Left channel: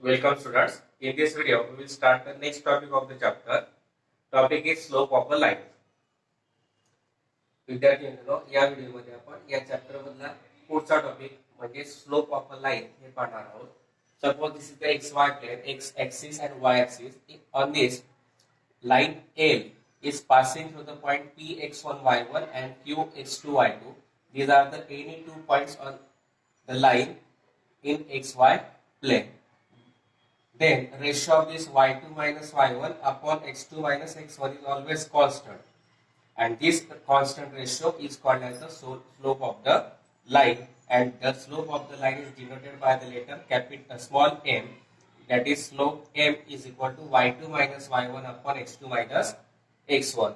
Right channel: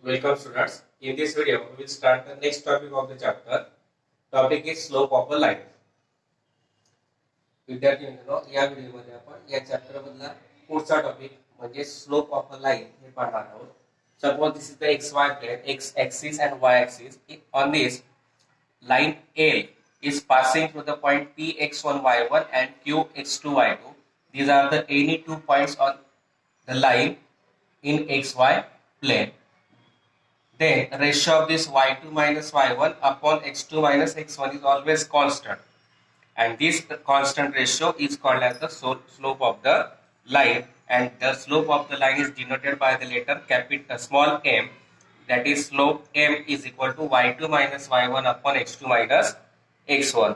Welcome students. In this video, we will start the next topic of the chapter. Topic is slope of a line. विद्यार्थी मित्रांनो, या व्हिडिओमध्ये आपण या chapter मधला पुढचा टॉपिक म्हणजे स्लोप ऑफ अ लाइन हे पाहणार आहोत. Suppose this is the xy plane, x axis and y axis. On this line L is passing through the point P x1 y1 and Q x2 y2. These are the any two points on the line in xy plane. Then ratio of this y2 minus y1 upon x2 minus x1 is always constant, and this constant ratio is called as the slope of the line, and the slope of the line is denoted by the letter capital small m, that is slope m is equal to y2 minus y1 upon x2 minus x1.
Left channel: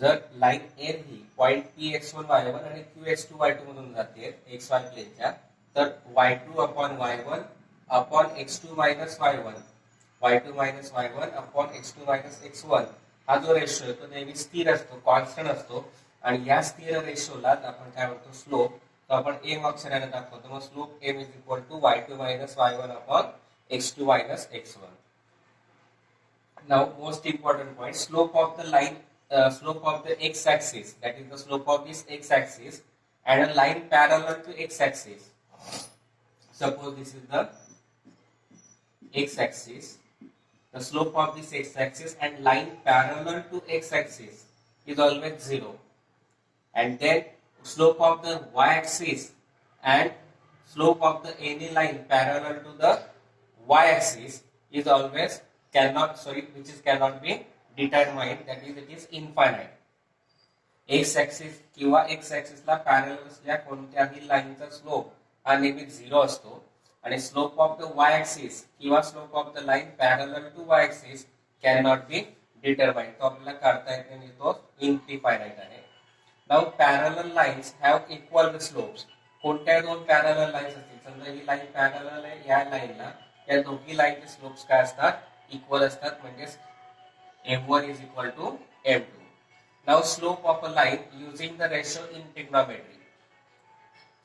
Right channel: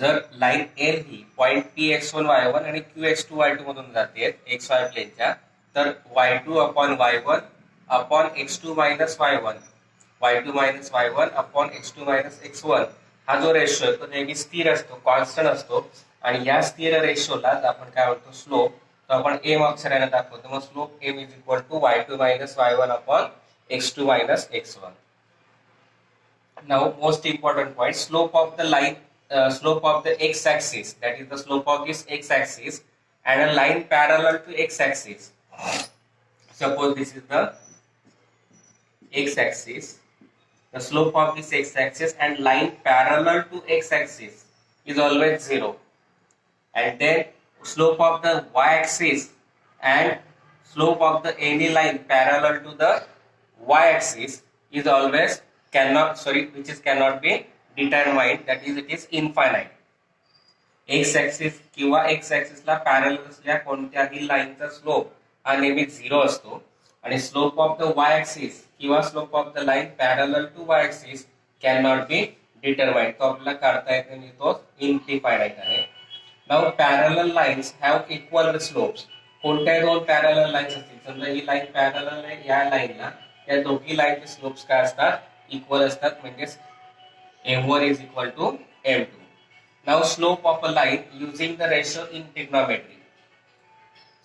जर line L ही point P x1 y1 आणि Q x2 y2 मधून जाते xy प्लेनच्या, तर y2 upon y1 upon x2 minus y1, y2 minus y1 upon x2 minus x1 हा जो ratio आहे तो नेहमी स्थिर असतो, कॉन्स्टंट असतो, आणि या स्थिर रेशोला आपण काय म्हणतो स्लोप. तो आपण m अक्षराने दाखवतो. मग slope m is equal to y2 minus y1 upon x2 minus x1. Now most important point, slope of the line, slope of the x axis, that is the slope of this x axis and a line parallel to x axis. Suppose this is the x axis, the slope of this x axis and line parallel to x axis is always 0, and then slope of the y axis and slope of the any line parallel to the y axis is always cannot be determined, that is it is infinite. x axis किंवा x axis ला parallel असलेल्या कोणत्याही लाईनचा slope हा नेहमी 0 असतो, आणि slope of the y axis किंवा slope of the line parallel to y axis can not be determined. तो आपल्याला काढता येत नाही, तो इनडिफाइनाइट आहे. Now parallel lines have equal slopes. कोणत्याही दोन पॅरलल लाइन्स असतील, समजा ही लाइन पॅरलल आहे या लाइनला, या दोन्ही लाइनचे स्लोप्स काय असतात, इक्वल असतात, म्हणजे m1 is equal to m2. Now slope of a line using the ratio in trigonometry.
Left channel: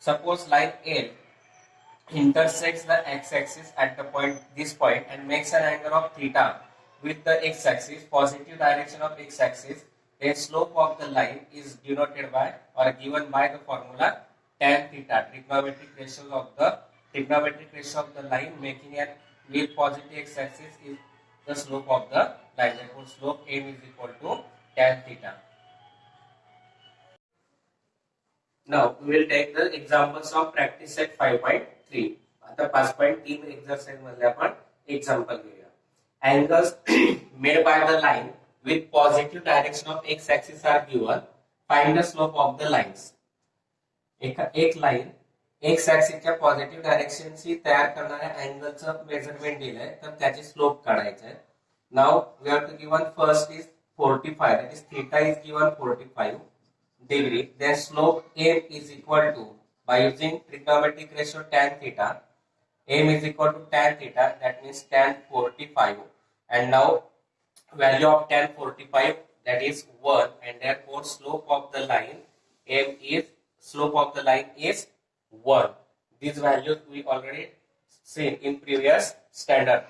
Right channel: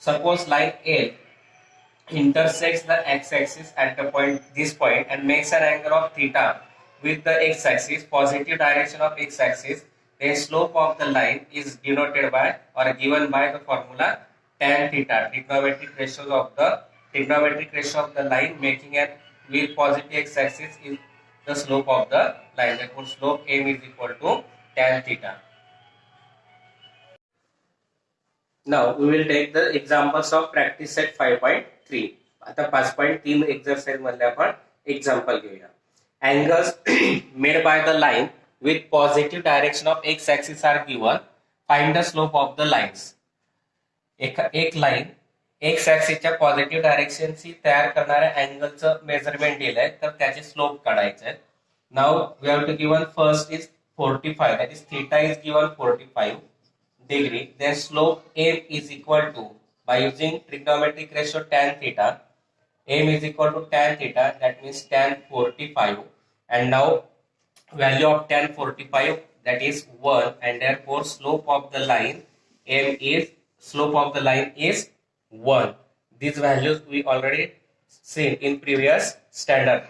Suppose line L intersects the x-axis at the this point and makes an angle of theta with the x-axis, positive direction of x-axis. The slope of the line is denoted by or given by the formula tan theta. Trigonometric ratio of the line making an with positive x-axis is the slope of the line. Therefore, slope m is equal to tan theta. Now we will take the examples of practice set 5.3. आता 5.3 exercise मध्ये आपण example घेऊया. Angles made by the line with positive direction of x axis are given. Find the slope of the lines. एक line x ऍक्सिसच्या positive डायरेक्शनची तयार करणाऱ्या अँगलचं measurement दिलंय, तर त्याचे स्लोप काढायचे आहेत. Now we have to given first is 45, that is theta is given 45 degree. Then slope m is equal to, by using trigonometric ratio tan theta, m is equal to tan theta, that means tan 45, and now value of tan 45, that is 1, and therefore slope of the line is 1. These values we already seen in previous standard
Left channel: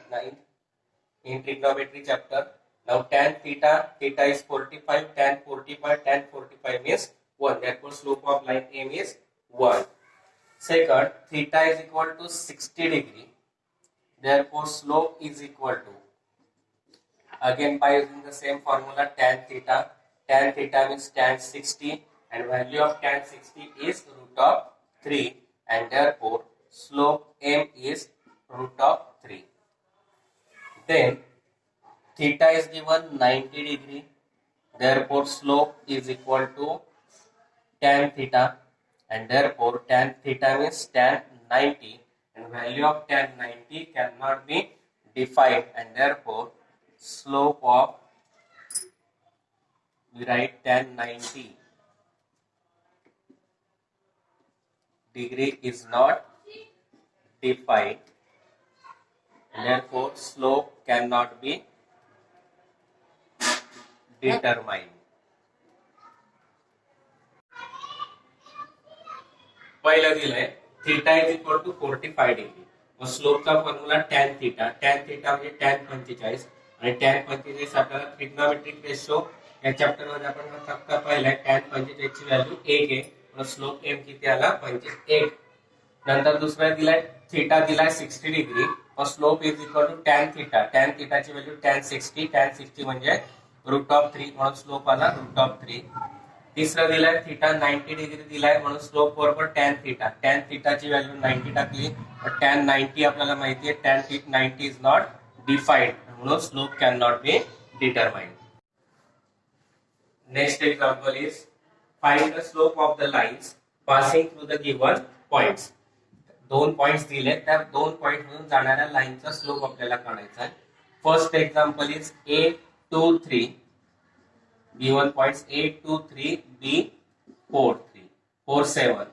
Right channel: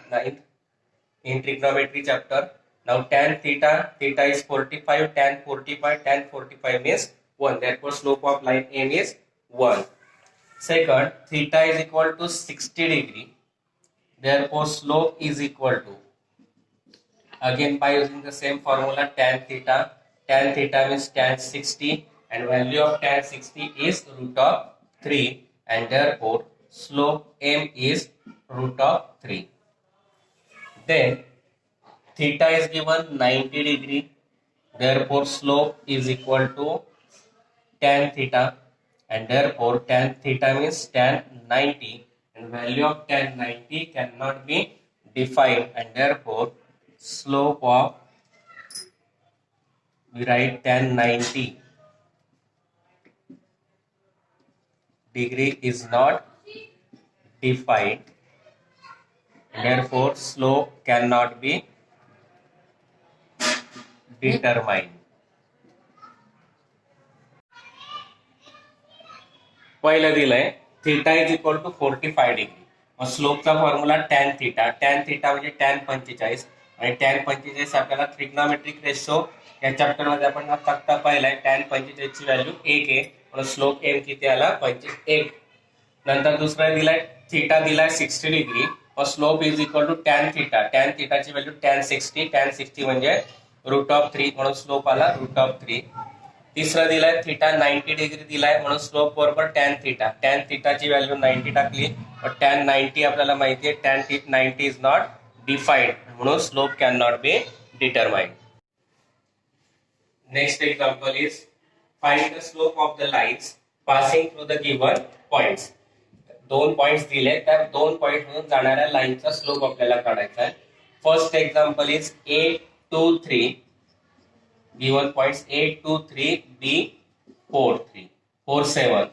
in trigonometry chapter. Now tan theta is 45, tan 45 means 1. Therefore slope of line n is 1. Second, theta is equal to 60 degree. Therefore slope is equal to, again by using the same formula tan theta means tan 60, and value of tan 60 is root of 3, and therefore slope m is root of 3. Then theta is given 90 degree, therefore slope is equal to tan theta, and therefore tan theta means tan 90, and value of tan 90 cannot be defined, and therefore slope of, we write tan 90 degree is not defined, therefore slope cannot be determined. पहिलं दिलंय theta is equal to 45 degree. स्लोपचा formula tan theta. Tan theta म्हणजे tan 45 आणि tan 45 आपल्याला trigonometric ratio या chapter मध्ये आपण फक्त पाहिलाय. टॅन 45 ची व्हॅल्यू 1 आहे म्हणून स्लोप एम किती आला 1. नंतर दुसरा दिलाय थिटा दिलाय 60 डिग्री और slope is equal to tan theta. Tan थिटाची व्हॅल्यू टॅन 60 म्हणजे √3 म्हणून स्लोप आला √3. तिसरा दिलाय थिटा 90 डिग्री दिलाय म्हणून स्लोप बरोबर टॅन थिटा. टॅन थिटाची व्हॅल्यू 90 टाकली और टॅन 90 आपल्याला माहिती आहे टॅन 90 इज नॉट डिफाइंड म्हणून slope can not be determined. Next example is find the slope of the lines passing through the given points. 2 points दिले त्या 2 पॉइंट मधून जाणाऱ्या लाईनचा स्लोप आपल्याला काढायचा आहे. First example is A 2 3 given points A 2 3 B 4 3 4 7.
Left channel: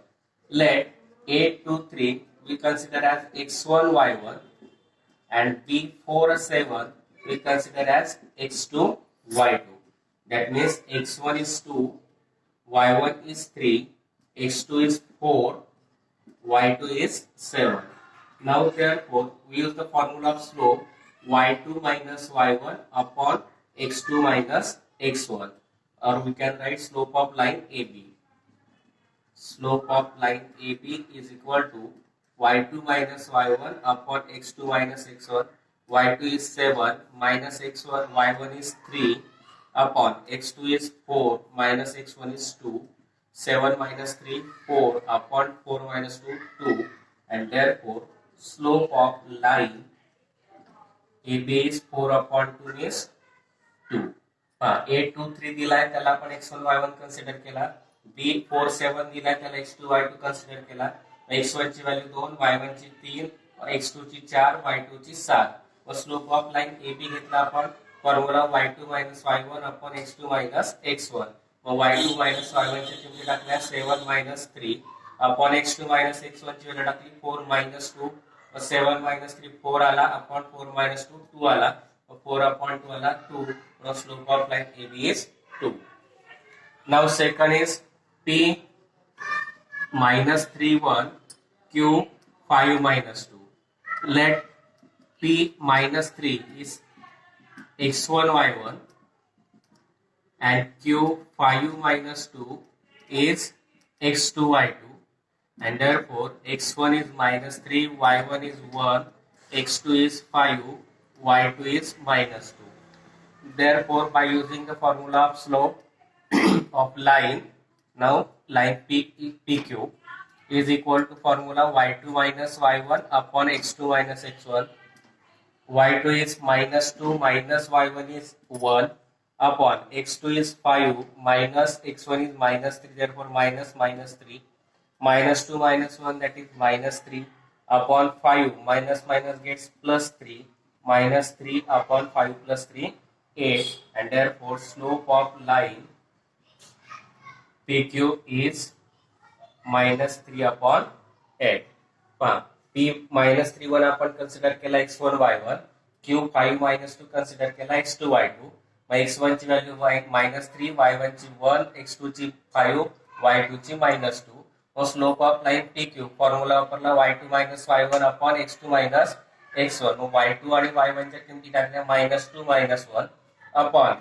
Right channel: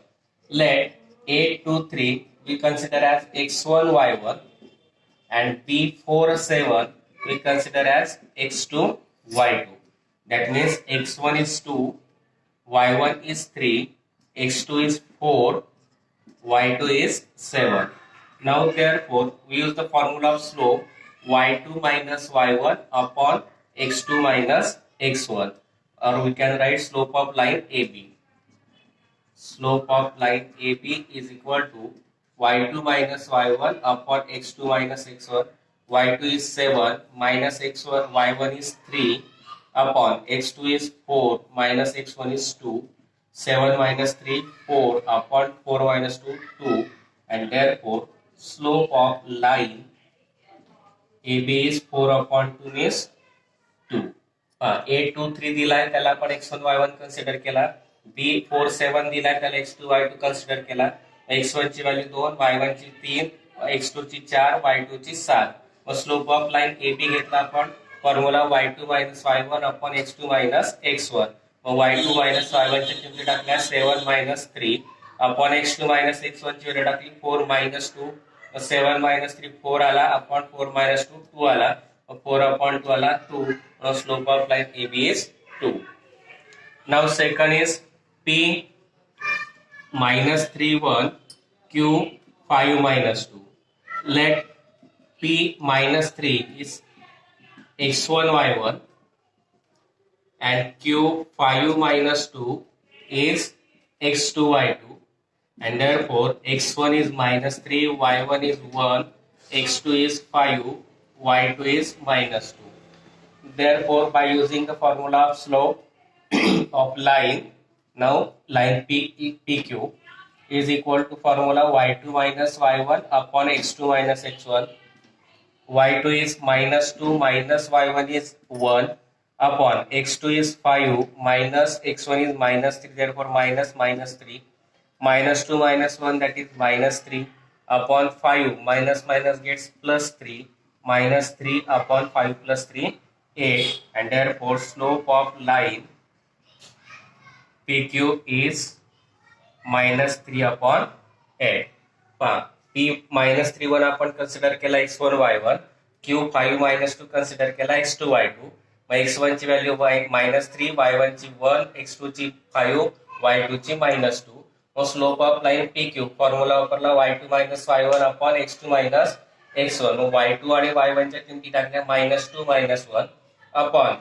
Let A 2 3 we consider as x1 y1 and B 4 7 we consider as x2 y2. That means x1 is 2, y1 is 3, x2 is 4, y2 is 7. Now therefore we use the formula of slope y2 minus y1 upon x2 minus x1, or we can write slope of line AB. Slope of line AB is equal to y2 minus y1 upon x2 minus x1. y2 is 7 minus x1, y1 is 3 upon x2 is 4 minus x1 is 2. 7 minus 3 4 upon 4 minus 2 2, and therefore slope of line AB is 4 upon 2 is 2. A 2 3 दिलाय त्याला आपण x1 y1 consider केला. B 4 7 दिलाय त्याला x2 y2 consider केला. x1 ची value 2, y1 ची 3, x2 ची 4, y2 ची 7. व स्लोप ऑफ लाइन AB घेतला आपण formula y2 minus y1 upon x2 minus x1. व y2 minus y1 ची किंमत टाकल्या 7 minus 3 upon x2 minus x1 ची व्हॅल्यू टाकली 4 minus 2. 7 minus 3 4 आला upon 4 minus 2 2 आला. 4 upon 2 आला 2. Slope of line AB is 2. Now second is P minus 3 1 Q 5 minus 2. Let P minus 3 is x1 y1 and Q 5 minus 2 is x2 y2, and therefore x1 is minus 3, y1 is 1, x2 is 5, y2 is minus 2. Therefore, by using the formula of slope of line, now line PQ is equal to formula y2 minus y1 upon x2 minus x1. y2 is minus 2 minus y1 is 1 upon x2 is 5 minus x1 is minus 3, therefore minus minus 3. Minus 2 minus 1, that is minus 3 upon 5 minus minus gets plus 3, minus 3 upon 5 plus 3 8, and therefore slope of line PQ is minus 3 upon 8. P minus 3 1 आपण consider केला x1 y1, Q 5 minus 2 consider केला x2 y2. x1 ची value minus 3, y1 ची 1, x2 ची 5, y2 ची minus 2. मग slope of line PQ formula वापरला y2 minus y1 upon x2 minus x1. मग y2 आणि y1 च्या किमती टाकल्या minus 2 minus 1 upon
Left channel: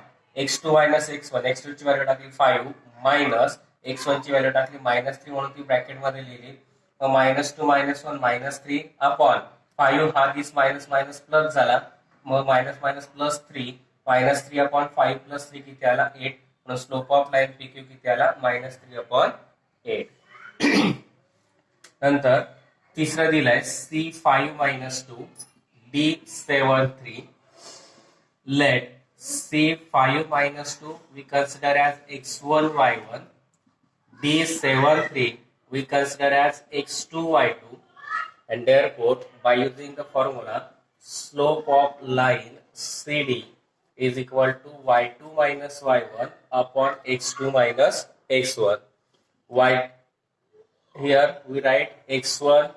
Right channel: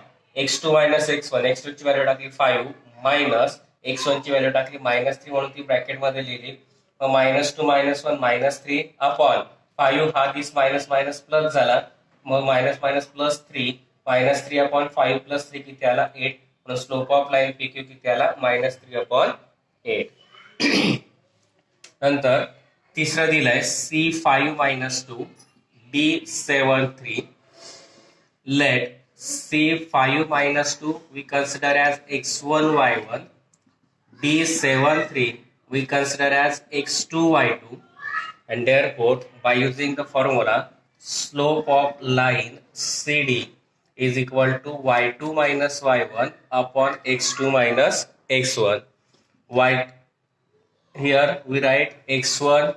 x2 minus x1. x2 ची व्हॅल्यू टाकली 5 minus x1 ची व्हॅल्यू टाकली minus 3 म्हणून ती ब्रॅकेट मध्ये लिहिली. मग minus 2 minus 1 minus 3 upon 5 हा दिस मायनस मायनस प्लस झाला. मग minus minus plus 3, minus 3 upon 5 plus 3 किती आला 8. म्हणून स्लोप ऑफ लाइन PQ किती आला minus 3 upon 8. नंतर तिसरा दिलाय C5 minus 2 B7 3. Let C5 minus 2 we consider as x1 y1, B7 3 we consider as x2 y2, and therefore by using the formula slope of line CD is equal to y2 minus y1 upon x2 minus x1. Here we write x1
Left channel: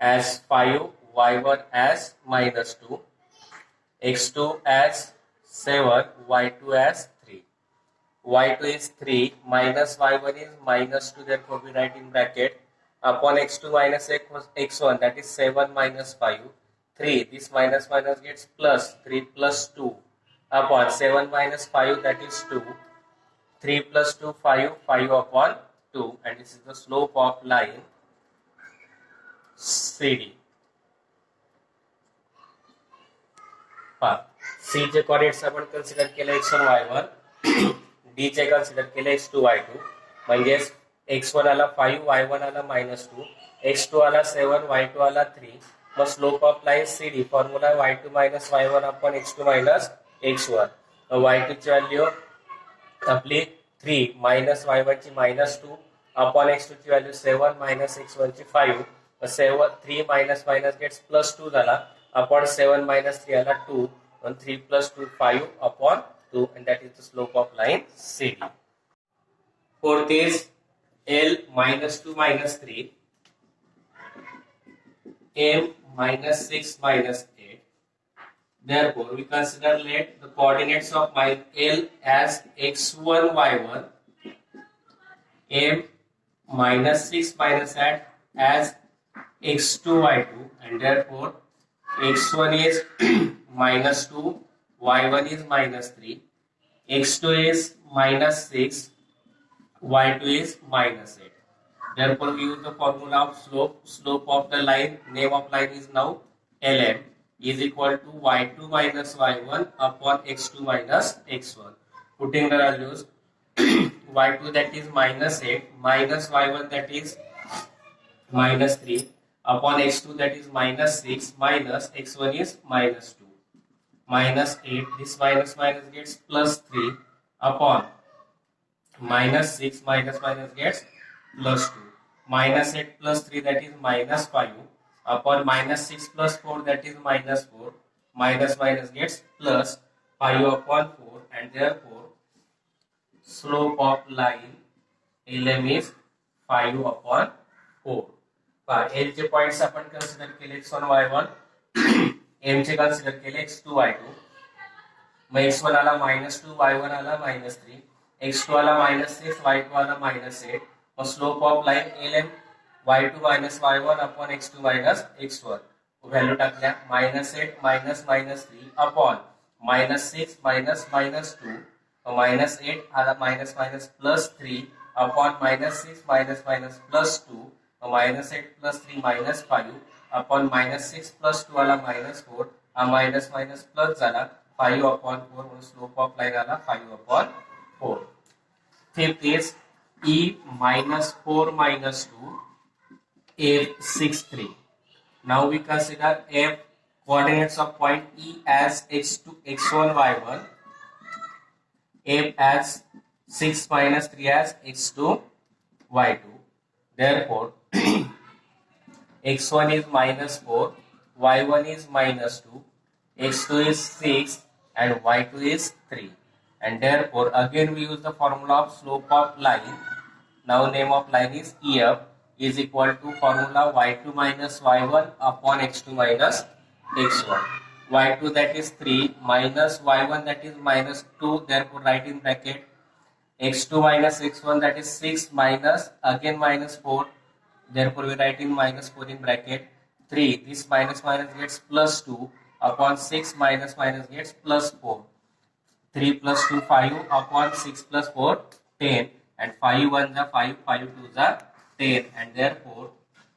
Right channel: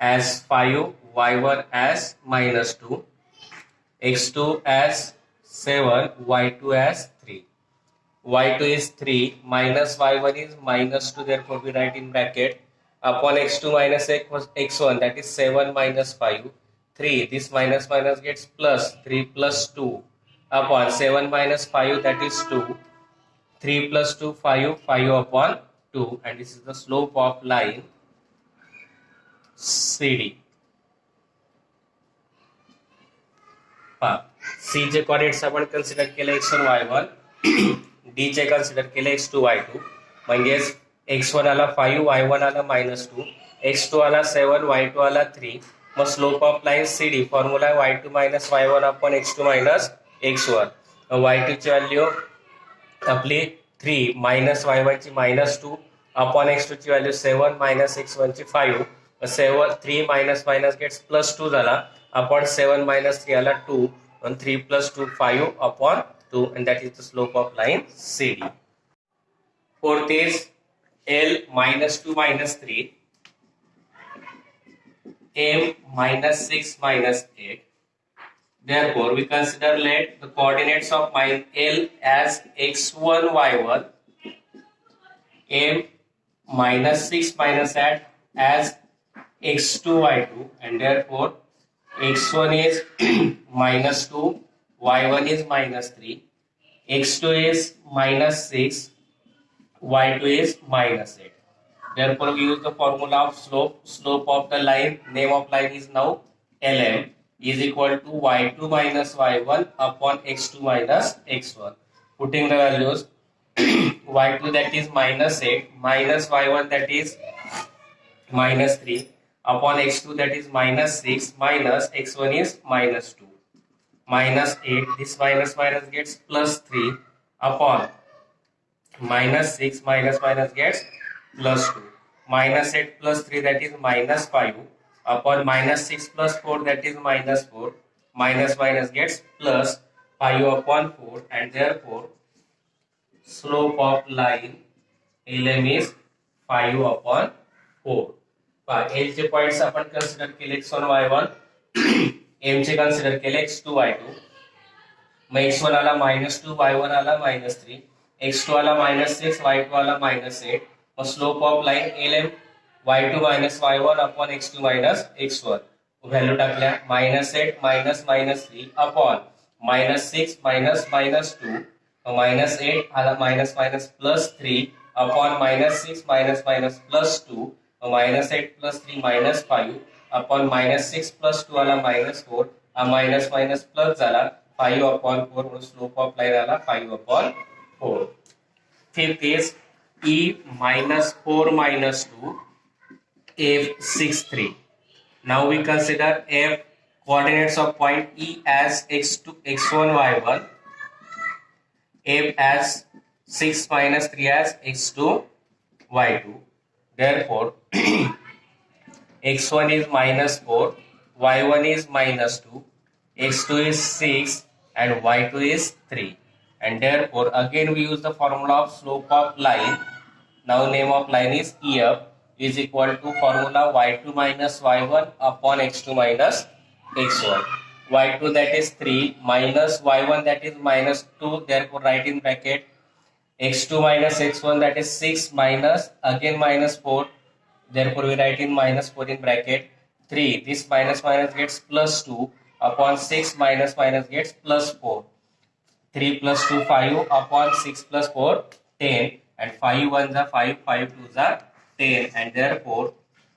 as 5, y1 as minus 2, x2 as 7, y2 as 3. y2 is 3 minus y1 is minus 2, therefore we write in bracket upon x2 minus x1, that is 7 minus 5, 3. This minus minus gets plus 3 plus 2 upon 7 minus 5, that is 2. 3 plus 2, 5, 5 upon 2, and this is the slope of line CD. C चे coordinates आपण consider केले x1 y1, D चे consider केले x2 y2, म्हणजेच x1 आला 5, y1 आला -2, x2 आला 7, y2 आला 3. मग slope of line CD formula y2 minus y1 upon x2 minus x1. y2 ची व्हॅल्यू आपली 3 minus y1 ची -2 upon x2 ची व्हॅल्यू 7 minus x1 ची 5. 3 minus minus gets plus 2 झाला upon 7 minus 3 आला 2, and 3 plus 2 5 upon 2, and that is the slope of line CD. Fourth is L minus 2 minus 3, M minus 6 minus 8. Therefore, we consider let the coordinates of L as x1 y1, M minus 6 minus 8 as x2 y2, and therefore x1 is minus 2, y1 is minus 3, x2 is minus 6, y2 is minus 8. Therefore, we use the formula of slope. Slope of the line, name of line is now Lm, is equal to y2 minus y1 upon x2 minus x1. Putting the values, y2 that is minus 8, minus y1 that is minus 3, upon x2 that is minus 6, minus x1 is minus 2, minus 8. This minus minus gets plus 3 upon minus 6, minus minus gets plus 2, minus 8 plus 3 that is minus 5, upon minus 6 plus 4 that is minus 4, minus minus gets plus 5 upon 4, and therefore slope of line LM is 5 upon 4. L चे points आपण consider केले x1 y1, M चे consider केले x2 y2. मग x1 आला -2, y1 आला -3, x2 आला -6, y2 आला -8. मग slope of line LM y2 minus y1 upon x2 minus x1. Value टाकल्या -8 minus -3 upon -6 minus -2, -8 आला minus +3 upon -6 minus +2, -8 plus 3 -5 upon -6 plus 2 आला -4, minus plus झाला 5 upon 4, म्हणून स्लोप ऑफ लाइन आला 5 upon 4. Fifth is E minus 4 minus 2, F 6 3. Now we consider F coordinates of point E as x2 x1 y1, F as 6 minus 3 as x2 y2. Therefore, x1 is -4, y1 is -2, x2 is 6, and y2 is 3. And therefore, again we use the formula of slope of line. Now name of line is EF, is equal to formula y2 minus y1 upon x2 minus x1. y2 that is 3 minus y1 that is -2, therefore write in bracket x2 minus x1 that is 6 minus again -4, therefore we write in -4 in bracket 3. This minus minus gets plus 2 upon 6 minus minus gets plus 4. 3 plus 2 5 upon 6 plus 4 10, and 5 1 is 5, 5 2 is 10, and therefore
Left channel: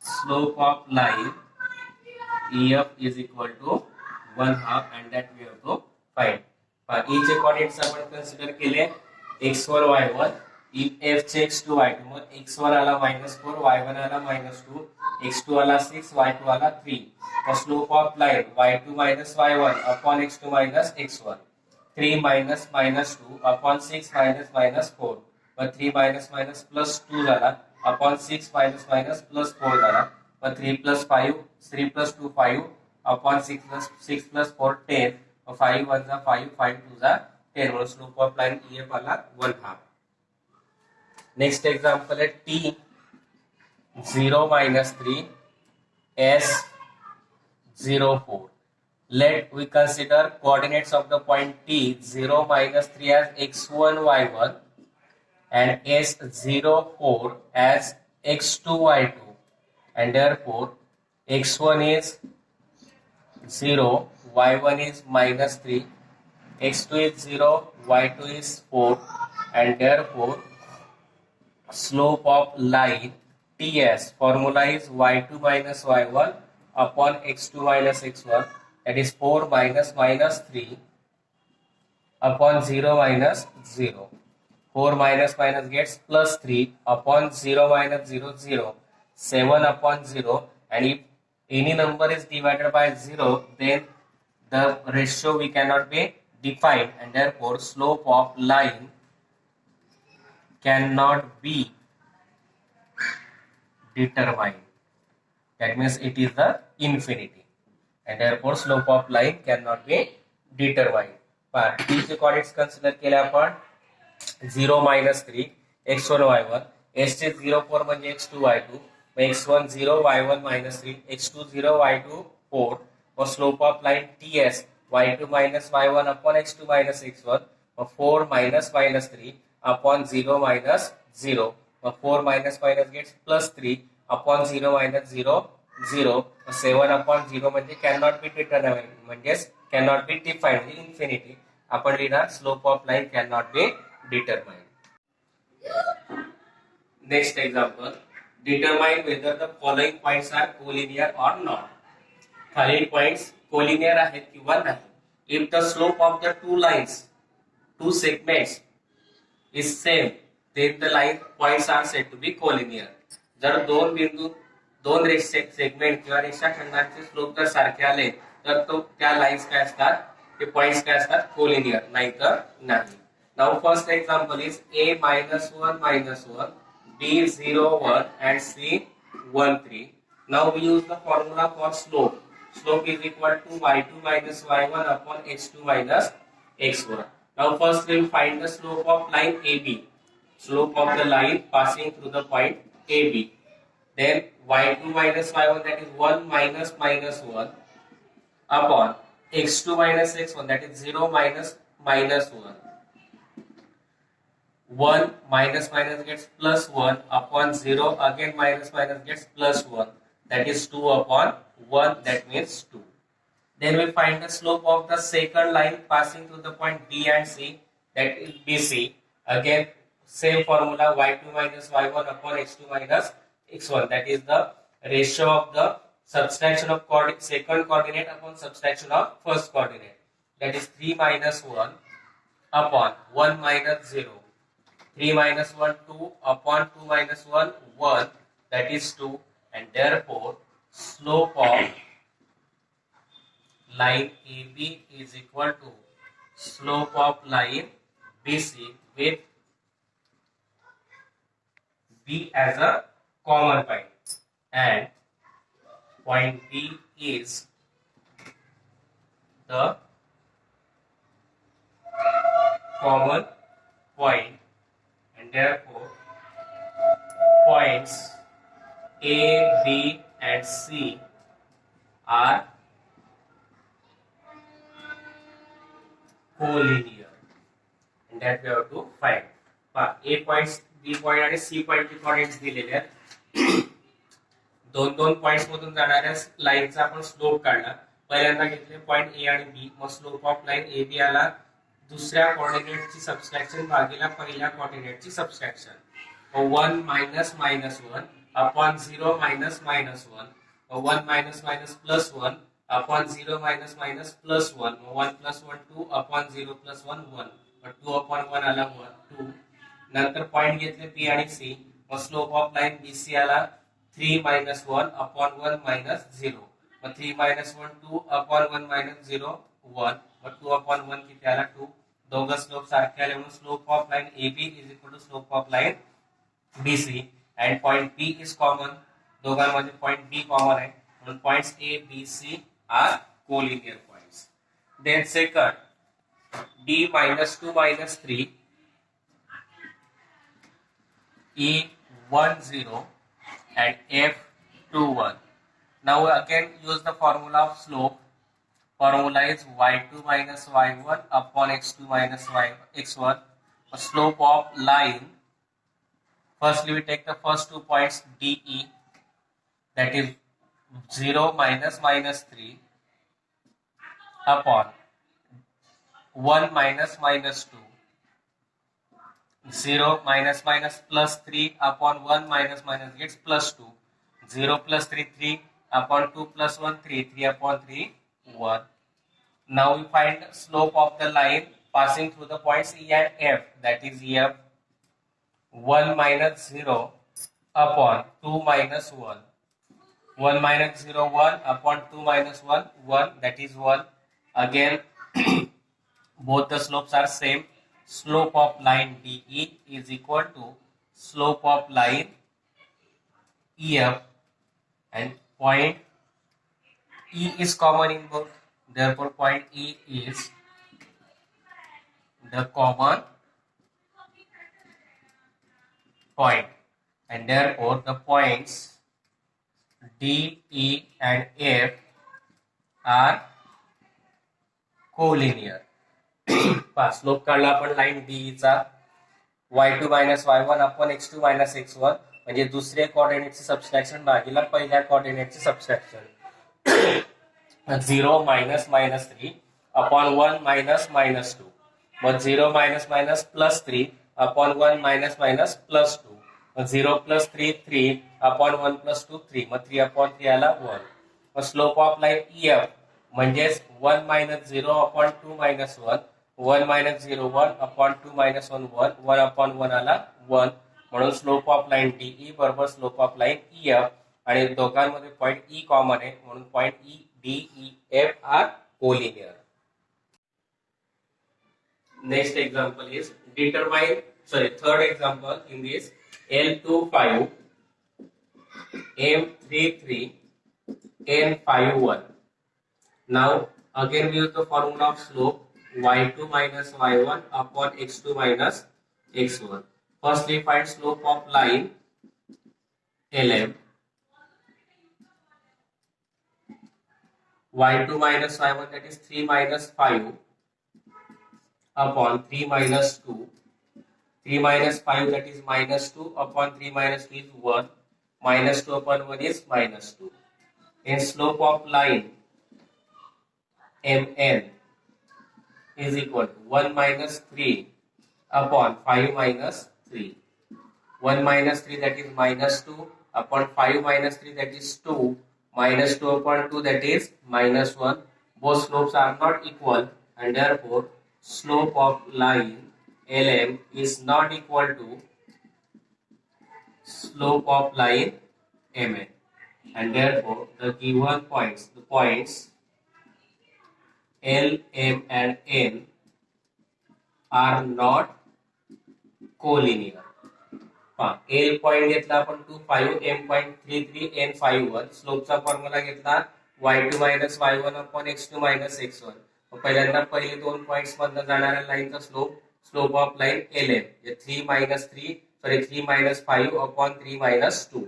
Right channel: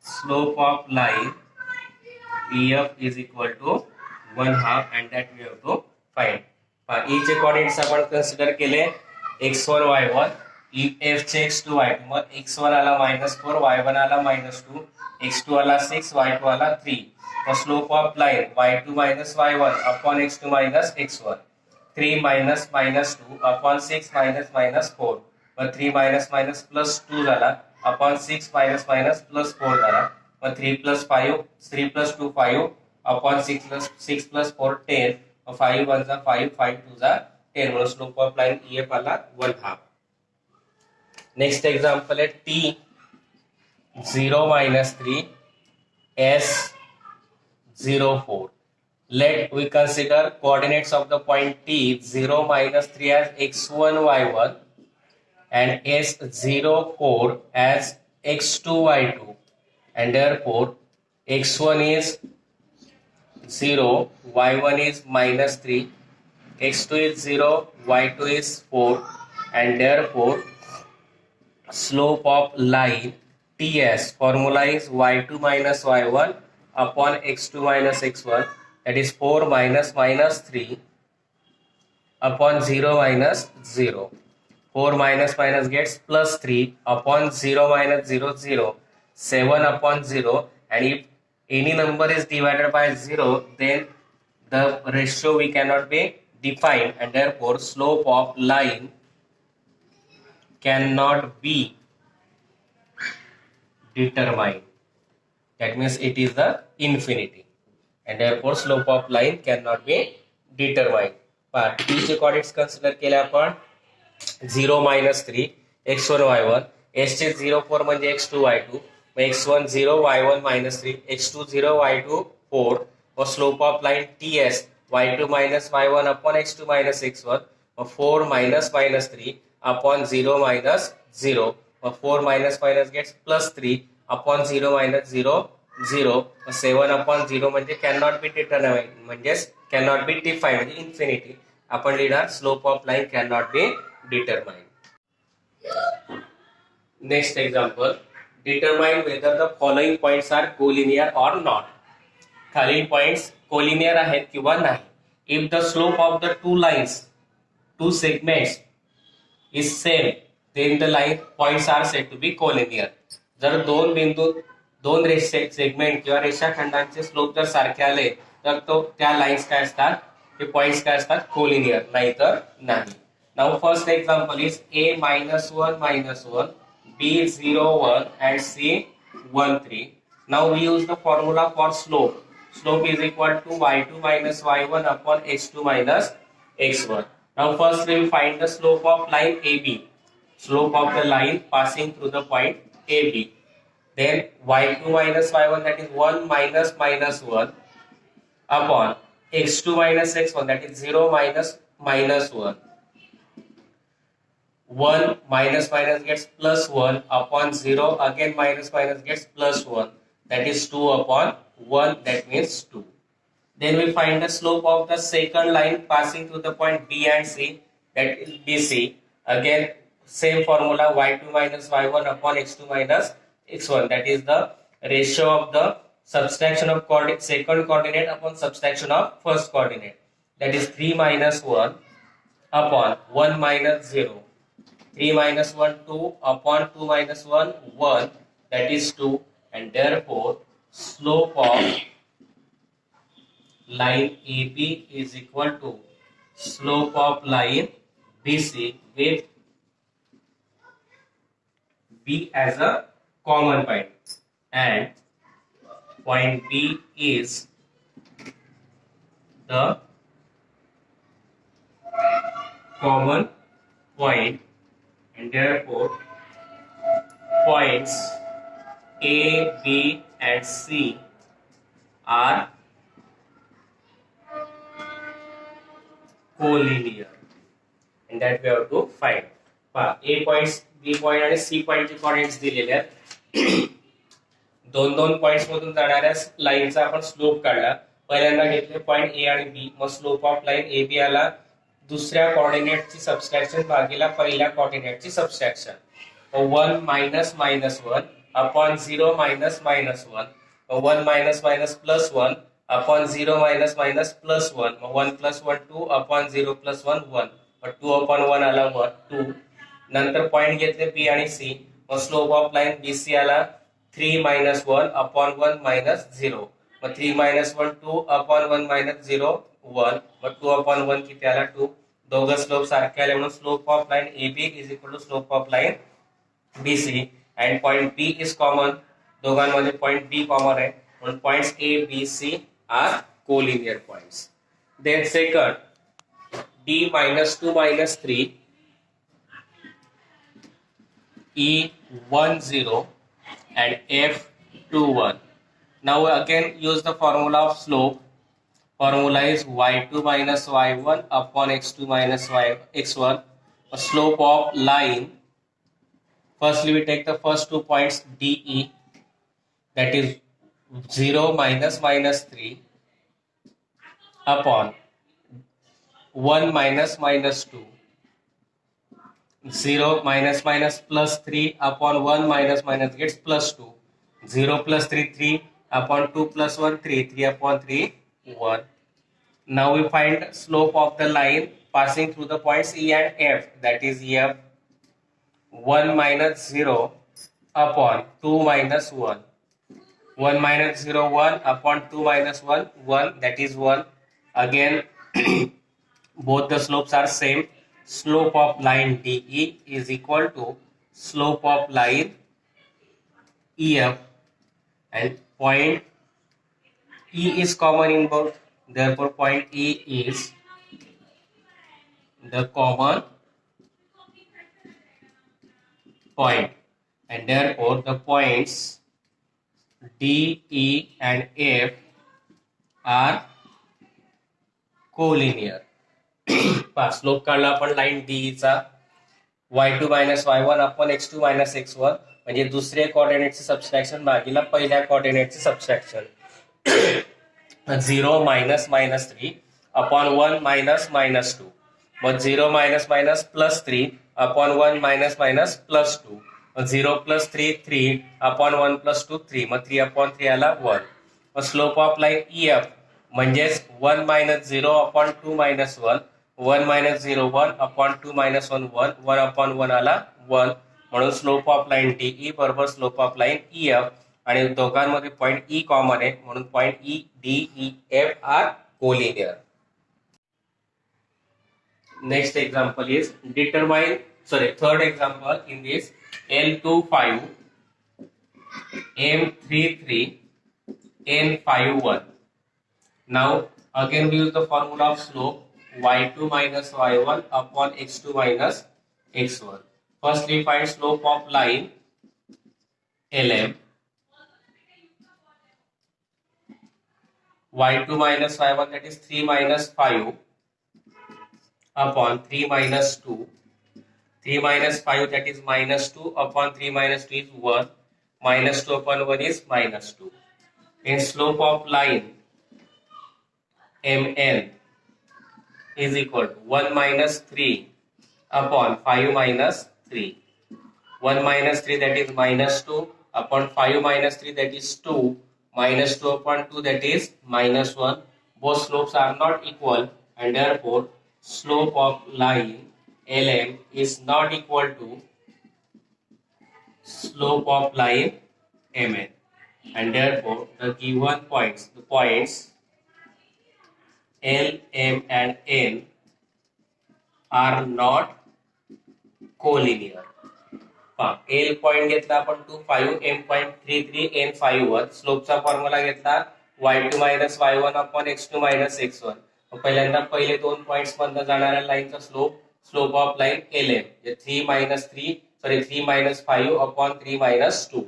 slope of line EF is equal to 1/2, and that we have to find. E चे coordinates आपण consider केले x1 y1, F चे x2 y2. मग x1 आला -4, y1 आला -2, x2 आला 6, y2 आला 3. मग slope of line y2 minus y1 upon x2 minus x1. 3 minus -2 upon 6 minus 4. Mug 3 minus plus 2 झाला upon 6 minus plus 4 झाला. मग 3 plus 2 5 upon 6 plus 4 10. 5 1 is 5, 5 2 is 10. म्हणून slope of line EF आला 1/2. Next example है T 0 minus 3 S 0 4. Let we consider coordinates of the point T 0 minus 3 as x1 y1 and S 0 4 as x2 y2. and therefore x1 is 0, y1 is minus 3, x2 is 0, y2 is 4, and therefore slope of line TS formula is y2 minus y1 upon x2 minus x1, that is 4 minus minus 3 upon 0 minus 0. 4 minus minus gets plus 3 upon 0 minus 0 0, 7 upon 0, and if any number is divided by 0, then the ratio we cannot be defined, and therefore slope of line cannot be determined. That means it is the infinity, and therefore slope of line cannot be determined. पण t चे coordinates consider केले आपण 0 minus 3 x1 y1, s चे 0 4 म्हणजे x2 y2, x1 0 y1 minus 3 x2 0 y2 4, और slope of line ts y2 minus y1 upon x2 minus x1, और 4 minus minus 3 upon 0 minus 0, और 4 minus minus gets plus 3 upon 0 minus 0 0, 7 upon 0 म्हणजे cannot be determined म्हणजे cannot be defined म्हणजे infinity. आपण लिहिणार slope of line cannot be determined. Next example, determine whether the following points are collinear or not. खालील points collinear आहेत किंवा नाही. If the slope of the two lines, two segments is same, then the line points are said to be collinear. जर दोन बिंदू दोन segment किंवा रेषाखंडांचे slope जर सारखे आले तर तो त्या लाईन्स काय असतात, ते पॉइंट्स काय असतात, कोलिनियर, नाहीतर नाही. Now first example is a -1 -1, b 0 1 and c 1 3. Now we use the formula for slope. Slope is equal to y2 minus y1 upon x2 minus x1. Now first we will find the slope of line AB. Slope of the line passing through the point AB. Then y2 minus y1, that is 1 minus minus 1 upon x2 minus x1, that is 0 minus minus 1. 1 minus minus gets plus 1 upon 0, again minus minus gets plus 1, that is 2 upon 1, that means 2. Then we find the slope of the second line passing through the point B and C, that is BC. Again same formula, y2 minus y1 upon x2 minus x1, that is the ratio of the subtraction of second coordinate upon subtraction of first coordinate, that is 3 minus 1 upon 1 minus 0. 3 minus 1 2 upon 2 minus 1 1, that is 2, and therefore slope of line AB is equal to slope of line BC with B as a common point, and point B is the common point, and therefore points A, B and C are collinear, and that we have to find. A points, B point आणि C point चे coordinates दिलेले आहेत. दोन दोन points मधून जाणाऱ्या लाईनचा आपण slope काढला. पहिल्यांदा घेतले पॉइंट ए आणि बी, मग slope of line A B आला दुसऱ्या कोऑर्डिनेटची सबट्रॅक्शन भागीला पहिल्या कोऑर्डिनेटची subtraction. 1 minus minus 1 upon 0 minus minus 1, 1 minus minus plus 1 upon 0 minus minus plus 1, 1 plus 1 2 upon 0 plus 1 1, 2 upon 1 आला 1 2. नंतर पॉइंट घेतले बी आणि सी, मग स्लोप ऑफ लाईन बीसी आला 3 minus 1 upon 1 minus 0, मग 3 minus 1 2 upon 1 minus 0 1, मग 2 upon 1 किती आला 2. दोघं स्लोप सारखे आले म्हणून slope of line A B is equal to slope of line BC, and point B is common. दोघांमध्ये point B common आहे म्हणून points A, B, C are collinear points. Then second, D minus 2 minus 3, E 1 0 and F 2 1. Now again use the formula of slope. Formula is y2 minus y1 upon x2 minus x1. A slope of line, firstly we take the first 2 points DE. that is 0 minus minus 3 upon 1 minus minus 2, 0 minus minus plus 3 upon 1 minus minus gets plus 2, 0 plus 3 3 upon 2 plus 1 3, 3 upon 3 1. Now we find slope of the line passing through the points E and F, that is F 1 minus 0 upon 2 minus 1. 1 minus 0 1 upon 2 minus 1 1, that is 1. Again both the slopes are same. Slope of line DE is equal to slope of line EF, and point E is common in both, therefore point E is the common point, and therefore the points D, E and F are collinear. Slope काढला आपण line D चा y2 minus y1 upon x2 minus x1, म्हणजे दुसरे कोऑर्डिनेटचे subtraction भागीला पहिल्या कोऑर्डिनेटचे subtraction. 0 minus minus 3 upon 1 minus minus 2, मग 0 minus minus plus 3 upon 1 minus minus plus 2, मग 0 प्लस 3 3 अपॉन 1 प्लस 2 3, मग 3 अपॉन 3 आला 1. मग स्लोप ऑफ लाईन EF म्हणजेच 1 minus 0 upon 2 minus 1, 1 minus 0 1 upon 2 minus 1 1, 1 upon 1 आला 1. म्हणून स्लोप ऑफ लाईन DE बरोबर slope of line EF, आणि दोघांमध्ये पॉइंट E कॉमन आहे म्हणून point DEF are collinear. Next example is third example in this L25 M33 N51. Now again we use the formula of slope y2 minus y1 upon x2 minus x1. First we find slope of line LM y2 minus y1, that is 3 minus 5 upon 3 minus 2. 3 minus 5, that is minus 2 upon 3 minus 2 is 1. Minus 2 upon 1 is minus 2. And slope of line MN is equal to 1 minus 3 upon 5 minus 3. 1 minus 3, that is minus 2 upon 5 minus 3, that is 2. Minus 2 upon 2, that is minus 1. Both slopes are not equal, and therefore slope of line LM is not equal to slope of line MN, and therefore the given points, the points L, M and N are not collinear. L point घेतला आपण 2 5, M point 3 3, N 5 1. स्लोपचा formula घेतला y2 minus y1 upon x2 minus x1. पहिल्यांदा पहिले दोन points मधून जाणाऱ्या लाईनचा slope of line LM 3 minus 5 upon 3 minus 2.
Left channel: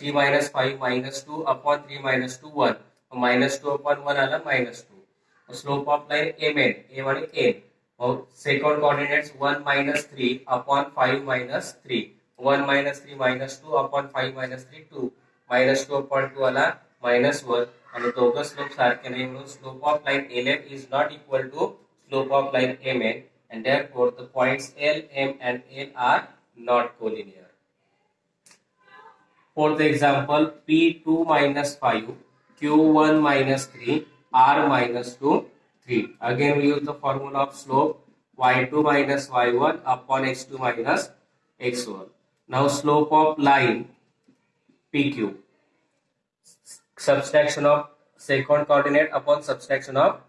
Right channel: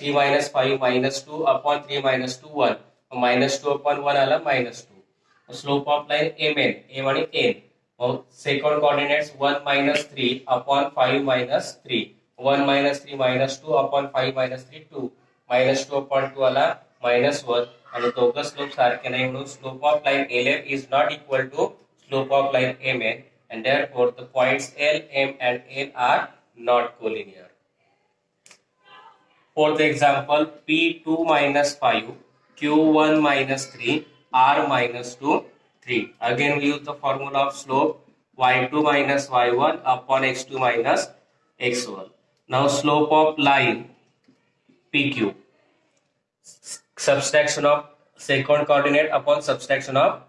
3 minus 5 minus 2 upon 3 minus 2 1, minus 2 upon 1 आला minus 2. Slope of line MN, M आणि N. Second coordinates 1 minus 3 upon 5 minus 3, 1 minus 3 minus 2 upon 5 minus 3 2, minus 2 upon 2 आला minus 1, आणि दोघं slope सारखे नाही म्हणून slope of line LM is not equal to slope of line MN, and therefore the points L, M and N are not collinear. Fourth example, P2 minus 5, Q1 minus 3, R minus 2, 3. Again we use the formula of slope y2 minus y1 upon x2 minus x1. Now slope of line PQ, subtraction of second coordinate upon subtraction of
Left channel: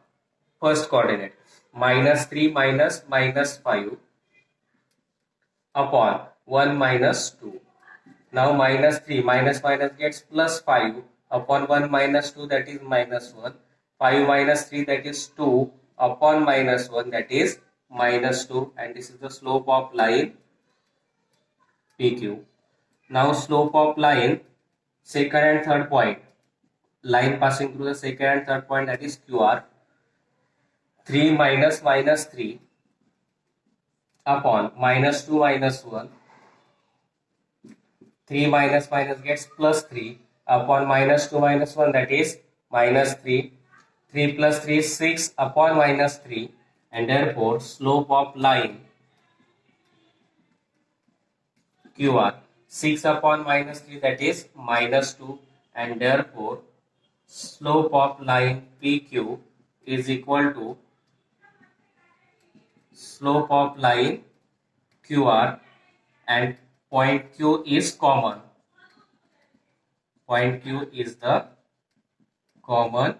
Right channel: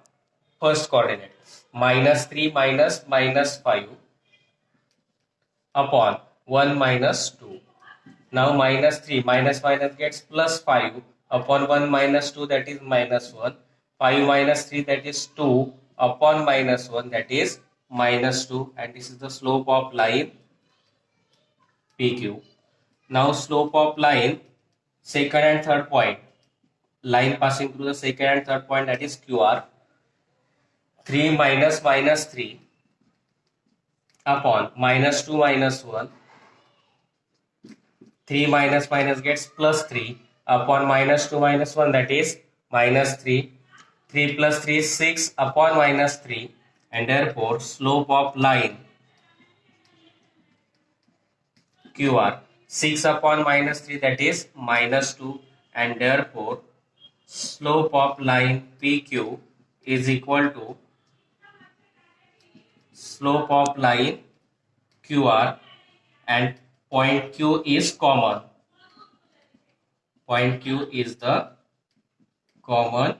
first coordinate, minus 3 minus minus 5 upon 1 minus 2. Now minus 3 minus minus gets plus 5 upon 1 minus 2, that is minus 1. 5 minus 3, that is 2 upon minus 1, that is minus 2, and this is the slope of line PQ. Now slope of line second and third point, line passing through the second and third point, that is QR. 3 minus minus 3 upon minus 2 minus 1. 3 minus minus gets plus 3 upon minus 2 minus 1, that is minus 3. 3 plus 3 is 6 upon minus 3, and therefore slope of line QR 6 upon minus 3, that is minus 2, and therefore slope of line PQ is equal to slope of line QR, and point Q is common. Point Q is the common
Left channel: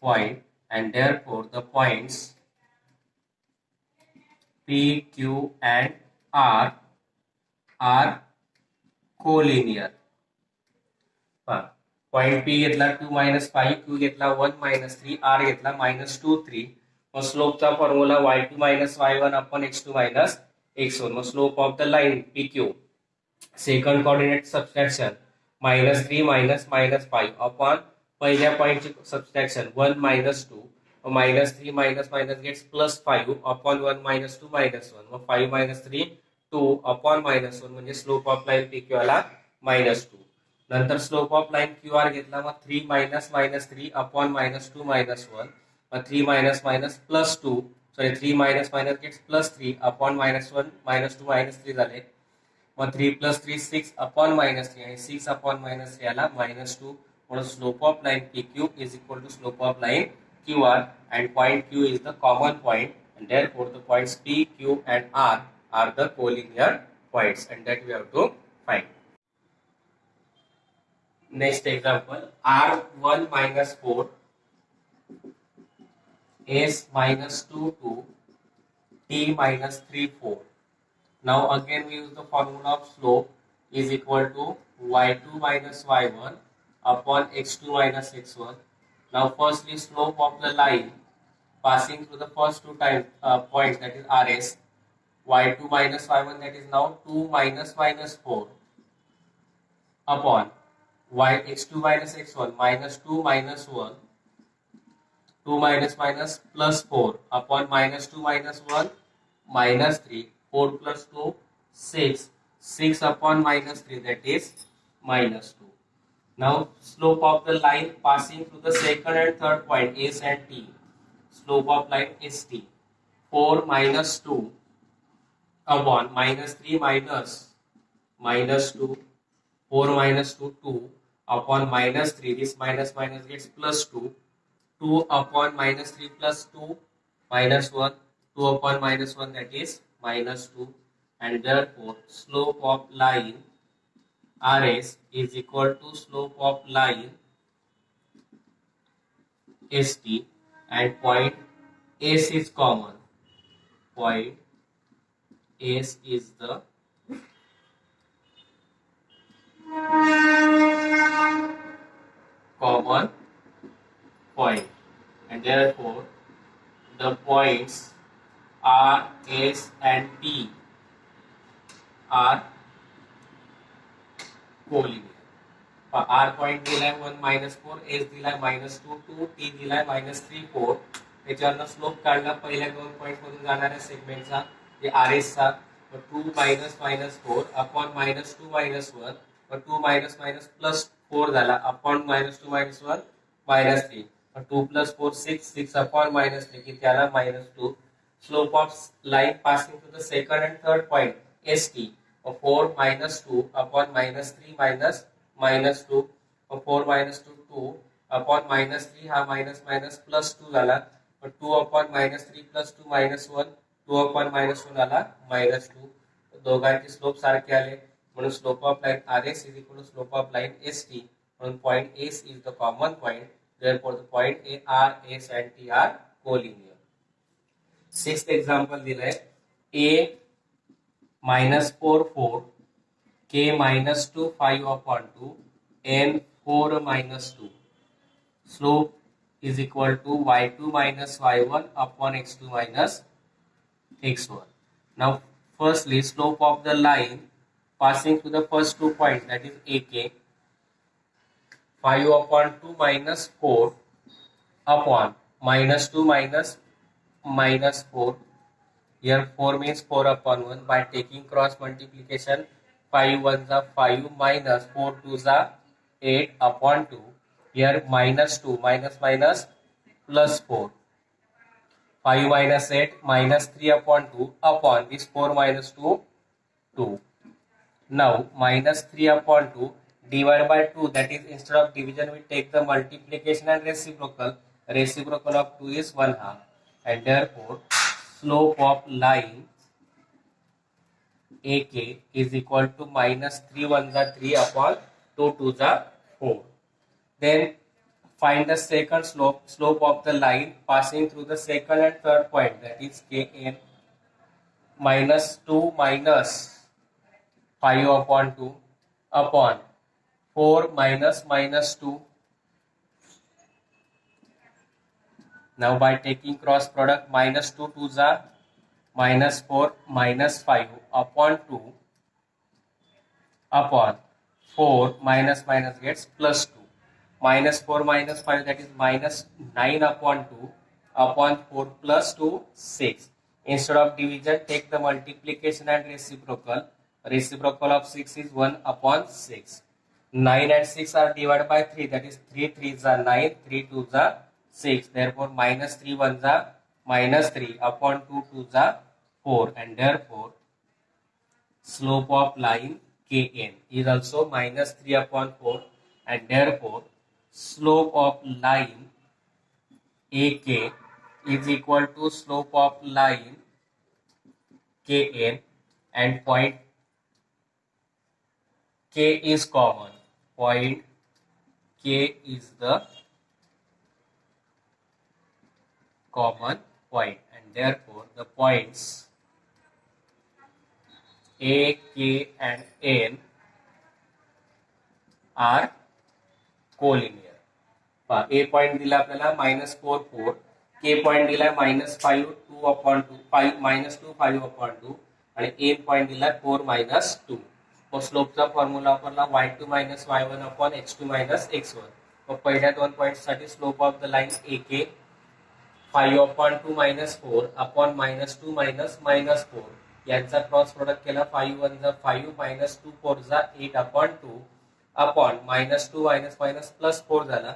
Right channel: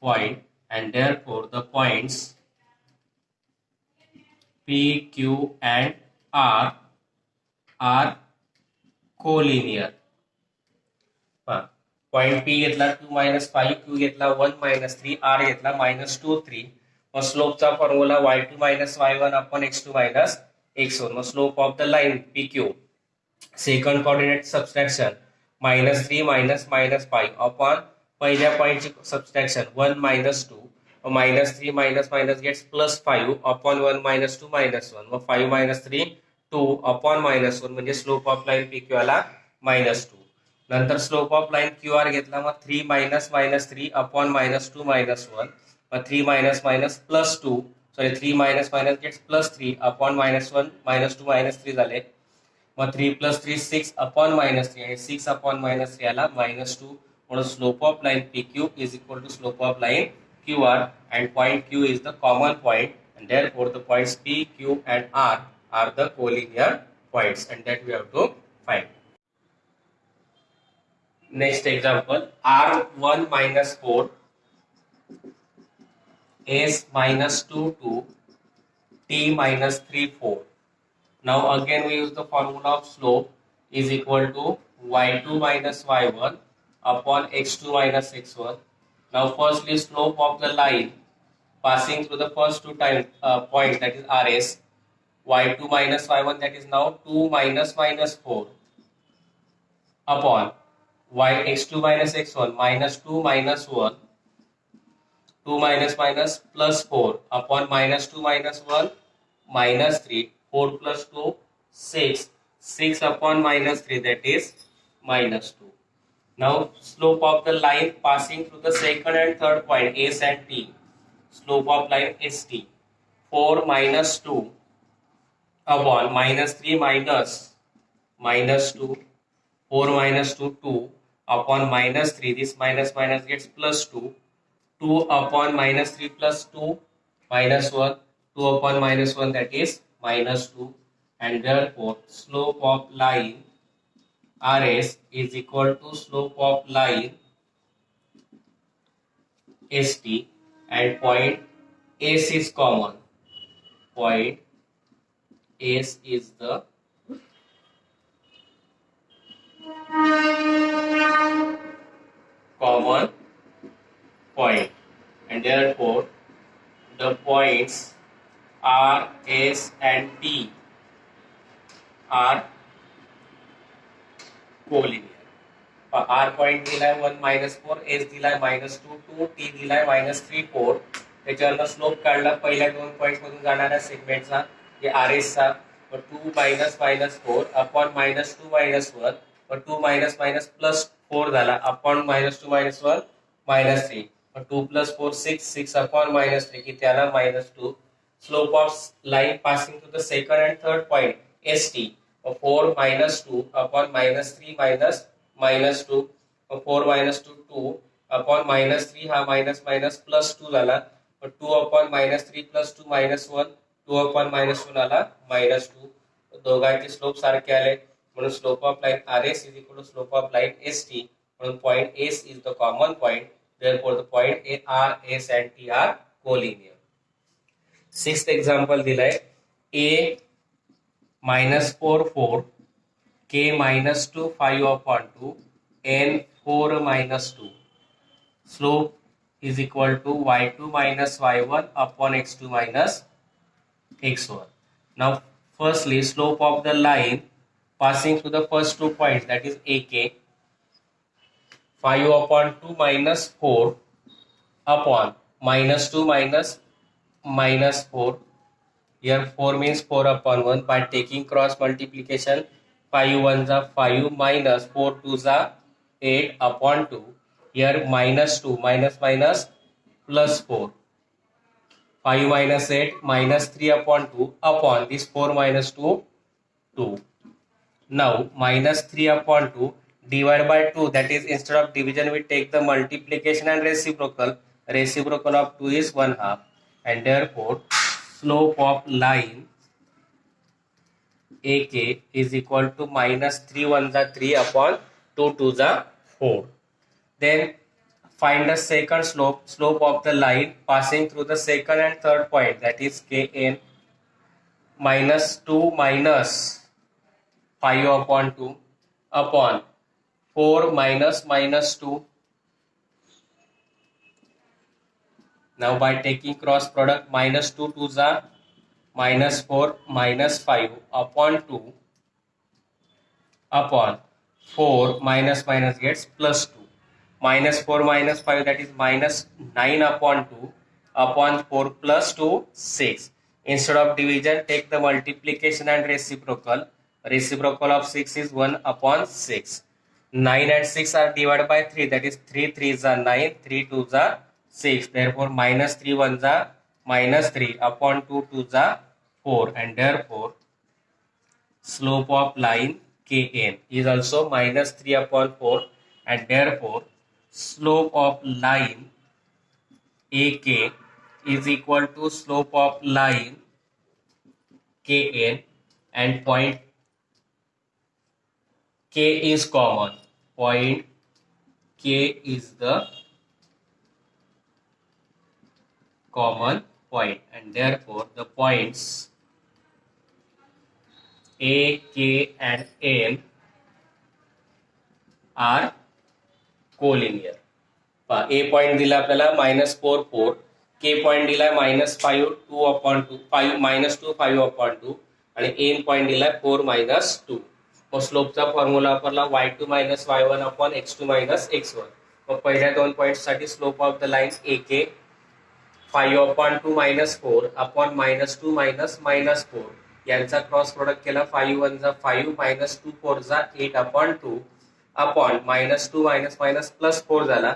point, and therefore the points P, Q and R are collinear. Point P घेतला 2 minus 5, Q घेतला 1 minus 3, R घेतला minus 2 3. मग स्लोपचा formula y2 minus y1 upon x2 minus x1. मग slope of the line PQ second coordinate subtraction minus 3 minus minus 5 upon पहिल्या पॉइंटची subtraction 1 minus 2. minus 3 minus minus gets plus 5 upon 1 minus 2 minus 1. मग 5 minus 3 2 upon minus 1, म्हणजे slope of line PQ आला minus 2. नंतर slope of line QR घेतला, मग 3 minus minus 3 upon minus 2 minus 1. मग 3 minus minus plus 2, sorry 3 minus minus gets plus 3 upon minus 1 minus 2 minus 3 झाले. मग 3 plus 3 6 upon minus 3, आणि 6 upon minus 3 आला minus 2. म्हणून slope of line PQ is equal to slope of line QR, and point Q is the common point, and therefore the points P, Q and R are the collinear points, and that we have to find. Next example, R1 minus 4, S minus 2 2, T minus 3 4. Now again we use the formula of slope is equal to y2 minus y1 upon x2 minus x1. Now firstly slope of the line passing through the first two points, that is RS, y2 minus y1, that is now 2 minus minus 4 upon y x2 minus x1 minus 2 minus 1, 2 minus minus plus 4 upon minus 2 minus 1 minus 3, 4 plus 2 6, 6 upon minus 3, that is minus 2. Now slope of the line passing through the second and third point S and T, slope of line ST, 4 minus 2 upon minus 3 minus 2, 4 minus 2 2 upon minus 3, this minus minus gets plus 2, 2 upon minus 3 plus 2 minus 1, 2 upon minus 1, that is minus 2, and therefore slope of line RS is equal to slope of line ST, and point S is common. Point S is the common point, and therefore the points R, S and T are collinear. R point दिलाय 1 minus 4, S दिलाय minus 2 2, T दिलाय minus 3 4. त्याच्यावरनं slope काढला पहिल्या दोन points मधून जाणाऱ्या सेगमेंटचा, जे RS चा, 2 minus minus 4 upon minus 2 minus 1, 2 minus minus plus 4 झाला upon minus 2 minus 1 minus 3, 2 plus 4 6, 6 upon minus 3 किती आला minus 2. Slope of line passing to the second and third point ST, 4 minus 2 upon minus 3 minus 2, 4 minus 2 2 upon minus 3 हा minus minus plus 2 झाला, 2 upon minus 3 plus 2 minus 1, 2 upon minus 1 आला minus 2. दोघांचे slope सारखे आले, म्हणून slope of line RS is equal to slope of line ST, म्हणून point S is the common point, therefore the point R, S and T are collinear. Sixth example दिलाय A minus 4 4, K minus 2 5 upon 2, N 4 minus 2. Slope is equal to y2 minus y1 upon x2 minus x1. Now firstly slope of the line passing through the first 2 points, that is AK, 5 upon 2 minus 4 upon minus 2 minus 4. Here 4 means 4 upon 1. By taking cross multiplication, 5 1s are 5 minus 4 2s are 8 upon 2. Here minus 2, minus minus plus 4. 5 minus 8 minus 3 upon 2 upon this 4 minus 2, 2. Now minus 3 upon 2 divided by 2, that is instead of division we take the multiplication and reciprocal. Reciprocal of 2 is 1/2, and therefore slope of line AK is equal to minus 3 1 the 3 upon 2 2 the 4. Then find the second slope of the line passing through the second and third point, that is Kn. Minus 2 minus 5 upon 2 upon 4 minus minus 2. Now by taking cross product, minus 2 2s are minus 4 minus 5 upon 2 upon 4 minus minus gets plus 2. Minus 4 minus 5, that is minus 9 upon 2 upon 4 plus 2, 6. Instead of division, take the multiplication and reciprocal. Reciprocal of 6 is 1 upon 6. 9 and 6 are divided by 3, that is 3 3s are 9, 3 2s are 6. Therefore minus 3 1s are minus 3 upon 2 2s are 4, and therefore slope of line Kn is also minus 3 upon 4, and therefore slope of line AK is equal to slope of line Kn, and point K is common. Point K is the common point, and therefore the points A, K and N are collinear. A point दिला आपल्याला minus 4 4, K point दिला minus 5 2 upon 2, 5 minus 2 5 upon 2, आणि N point दिला 4 minus 2. मग स्लोपचा formula वापरला y2 minus y1 upon x2 minus x1. मग पहिल्या दोन points साठी slope of the line AK 5 upon 2 minus 4 upon minus 2 minus minus 4. यांचा क्रॉस प्रोडक्ट केला, 5 1 जा 5 minus 2 4 जा 8 upon 2 upon minus 2 minus minus plus 4 झाला.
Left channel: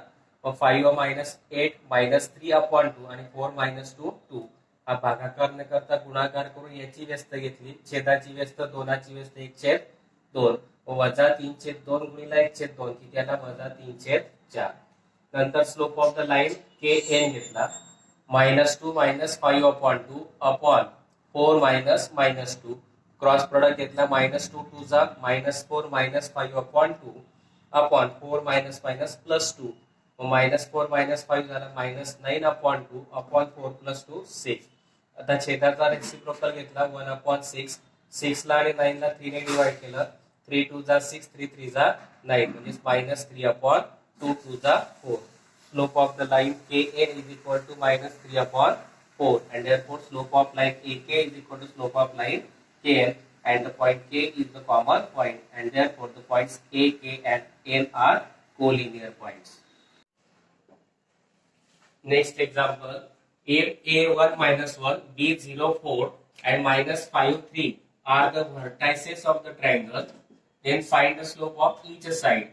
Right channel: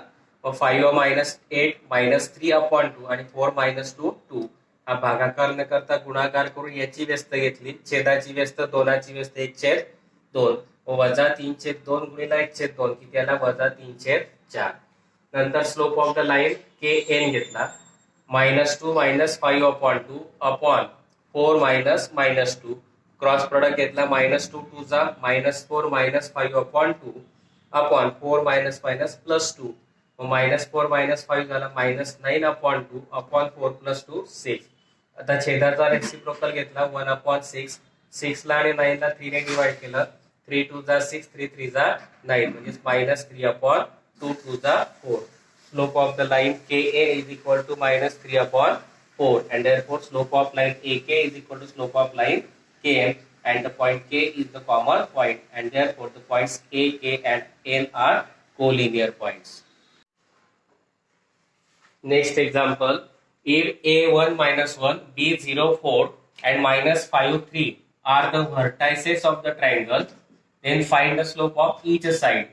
5 minus 8 minus 3 upon 2 आणि 4 minus 2 2. हा भागाकार न करता गुणाकार करून याची व्यस्त घेतली, छेदाची व्यस्त दोनाची व्यस्त 1/2, वजा 3/2 गुणिला 1/2 किती आला, वजा 3/4. नंतर slope of the line Kn घेतला, minus 2 minus 5 upon 2 upon 4 minus minus 2. Cross product घेतला, minus 2 2 जा minus 4 minus 5 upon 2 upon 4 minus minus plus 2. minus 4 minus 5 झाला minus 9 upon 2 upon 4 plus 2 6. आता छेदाचा रेसिप्रोकल घेतला, 1 upon 6. 6 ला आणि 9 ला 3 ने डिवाइड केलं, 3 2 जा 6 3 3 जा 9, म्हणजे minus 3 upon 2 2 जा 4. Slope of the line Ka is equal to minus 3 upon 4, and therefore slope of line AK is equal to slope of line Kn, and the point K is the common point, and therefore the points A, K and N are collinear points. Next example, if A1 minus 1, B0 4 and minus 5 3 are the vertices of the triangle, then find the slope of each side.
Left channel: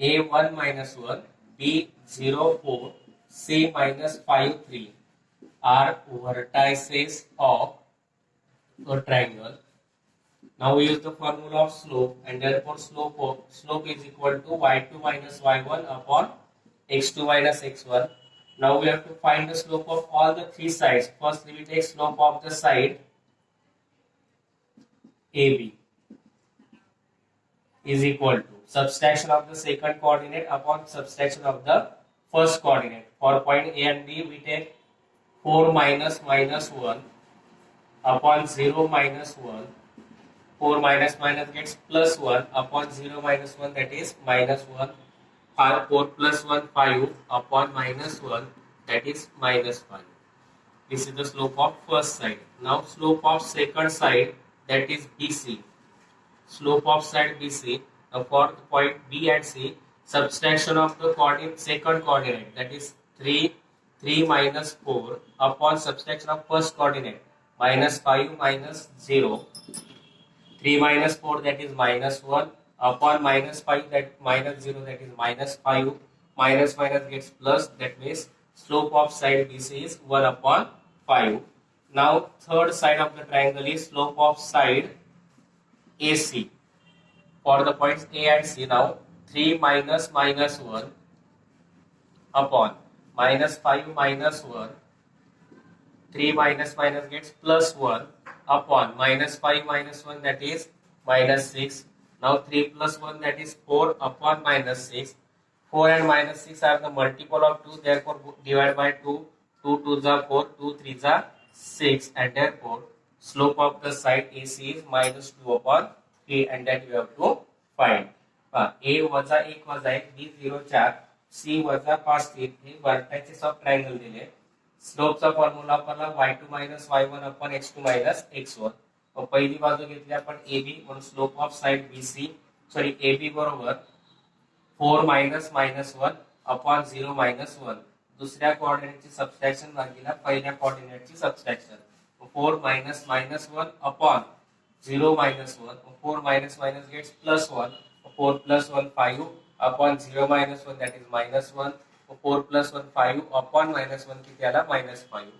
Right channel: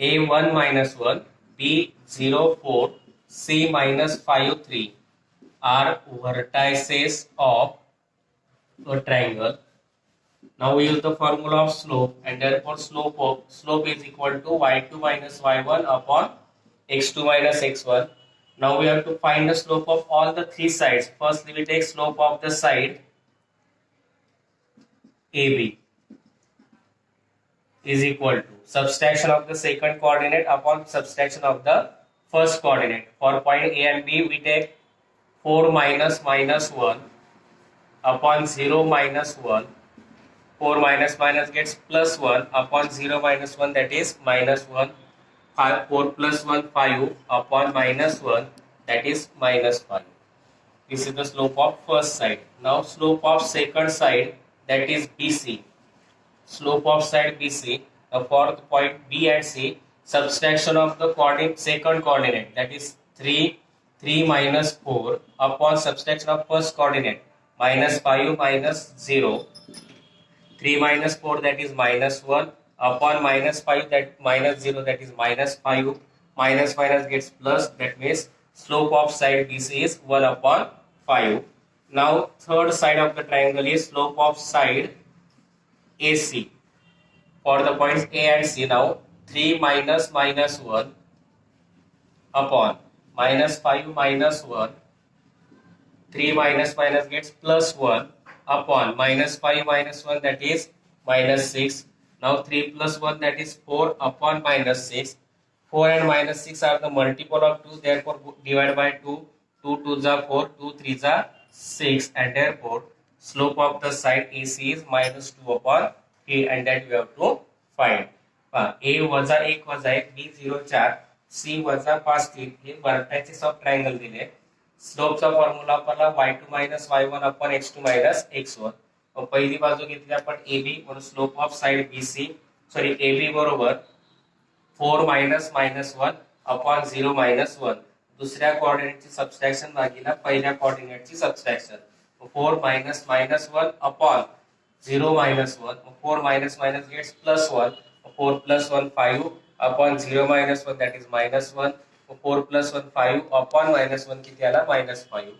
A1 minus 1, B0 4, C minus 5 3 are vertices of a triangle. Now we use the formula of slope, and therefore slope is equal to y2 minus y1 upon x2 minus x1. Now we have to find the slope of all the three sides. Firstly, we take slope of the side AB is equal to subtraction of the second coordinate upon subtraction of the first coordinate. For point A and B, we take 4 minus minus 1 upon 0 minus 1. 4 minus minus gets plus 1 upon 0 minus 1, that is minus 1. 4 plus 1 5 upon minus 1, that is minus 5. This is the slope of first side. Now slope of second side, that is BC. Slope of side BC, for the point B and C, subtraction of the second coordinate, that is 3 minus 4 upon subtraction of first coordinate, minus 5 minus 0. 3 minus 4, that is minus 1. upon minus 5, that minus 0, that is minus 5, minus minus gets plus, that means slope of side BC is 1 upon 5. Now third side of the triangle is slope of side AC for the points A and C. Now 3 minus minus 1 upon minus 5 minus 1, 3 minus minus gets plus 1 upon minus 5 minus 1, that is minus 6. Now 3 plus 1, that is 4 upon minus 6. 4 and minus 6 are the multiple of 2, therefore divide by 2. 2 2s are 4, 2 3s are 6, and therefore slope of the side AC is minus 2 upon 3, and that we have to find. A वजा 1 वजा 1, B 0 4, C वजा 5 3 हे vertices of triangle दिले. स्लोपचा formula वापरला y2 minus y1 upon x2 minus x1. पहिली बाजू घेतली आपण AB म्हणून slope of side BC sorry AB बरोबर 4 मायनस मायनस 1 अपॉन 0 मायनस 1. दुसऱ्या कोऑर्डिनेटची सबट्रॅक्शन भागीला पहिल्या कोऑर्डिनेटची subtraction. 4 minus minus 1 upon 0 minus 1, 4 minus minus gets plus 1, 4 plus 1 5 upon 0 minus 1, that is minus 1, 4 plus 1 5 upon minus 1 किती आला minus 5.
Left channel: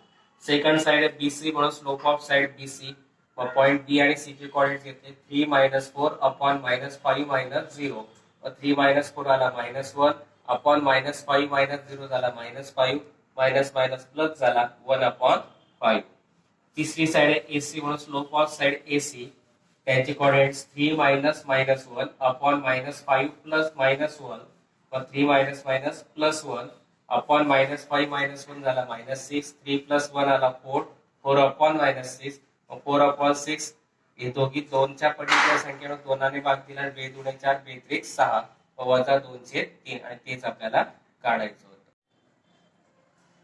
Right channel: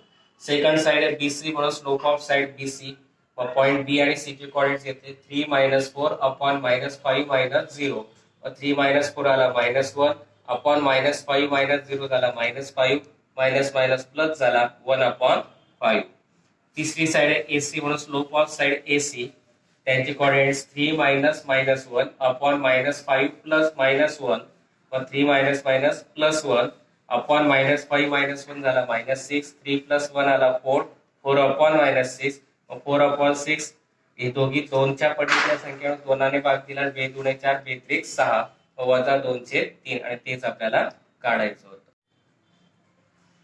सेकंड साइड आहे BC म्हणून slope of side BC point B आणि C चे कोऑर्डिनेट्स घेतले 3 minus 4 upon minus 5 minus 0, 3 minus 4 आला minus 1 upon minus 5 minus 0 झाला minus 5, minus minus plus झाला 1 upon 5. तीसरी साइड आहे AC म्हणून स्लोप ऑफ साइड AC त्यांचे coordinates 3 minus minus 1 upon minus 5 plus minus 1, और 3 minus minus plus 1 upon minus 5 minus 1 झाला minus 6, 3 plus 1 आला 4, 4 अपॉन मायनस 6, 4 अपॉन 6 हे दोघी 2च्या पटीच्या संख्येने 2 ने भाग दिला. 2 दुणे 4, 2 त्रिक 6 वजा 2 चे 3, आणि तेच आपल्याला काढायचं होतं.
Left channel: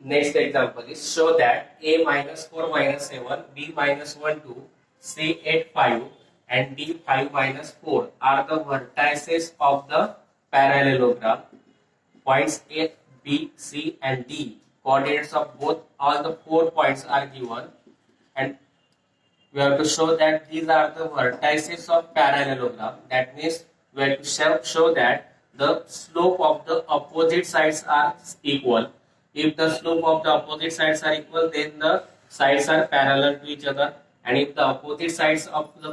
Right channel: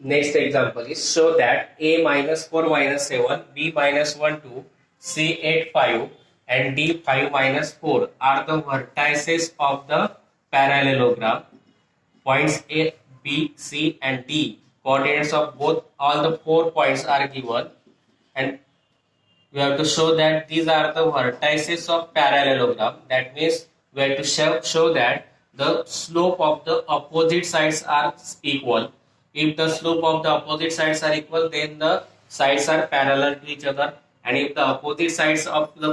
Next example is show that A minus 4 minus 7, B minus 1 2, C 8 5, and D 5 minus 4 are the vertices of the parallelogram. Points A, B, C, and D. Coordinates of both all the 4 points are given, and we have to show that these are the vertices of parallelogram. That means we have to show that the slope of the opposite sides are equal. If the slope of the opposite sides are equal, then the sides are parallel to each other. And if the opposite sides of the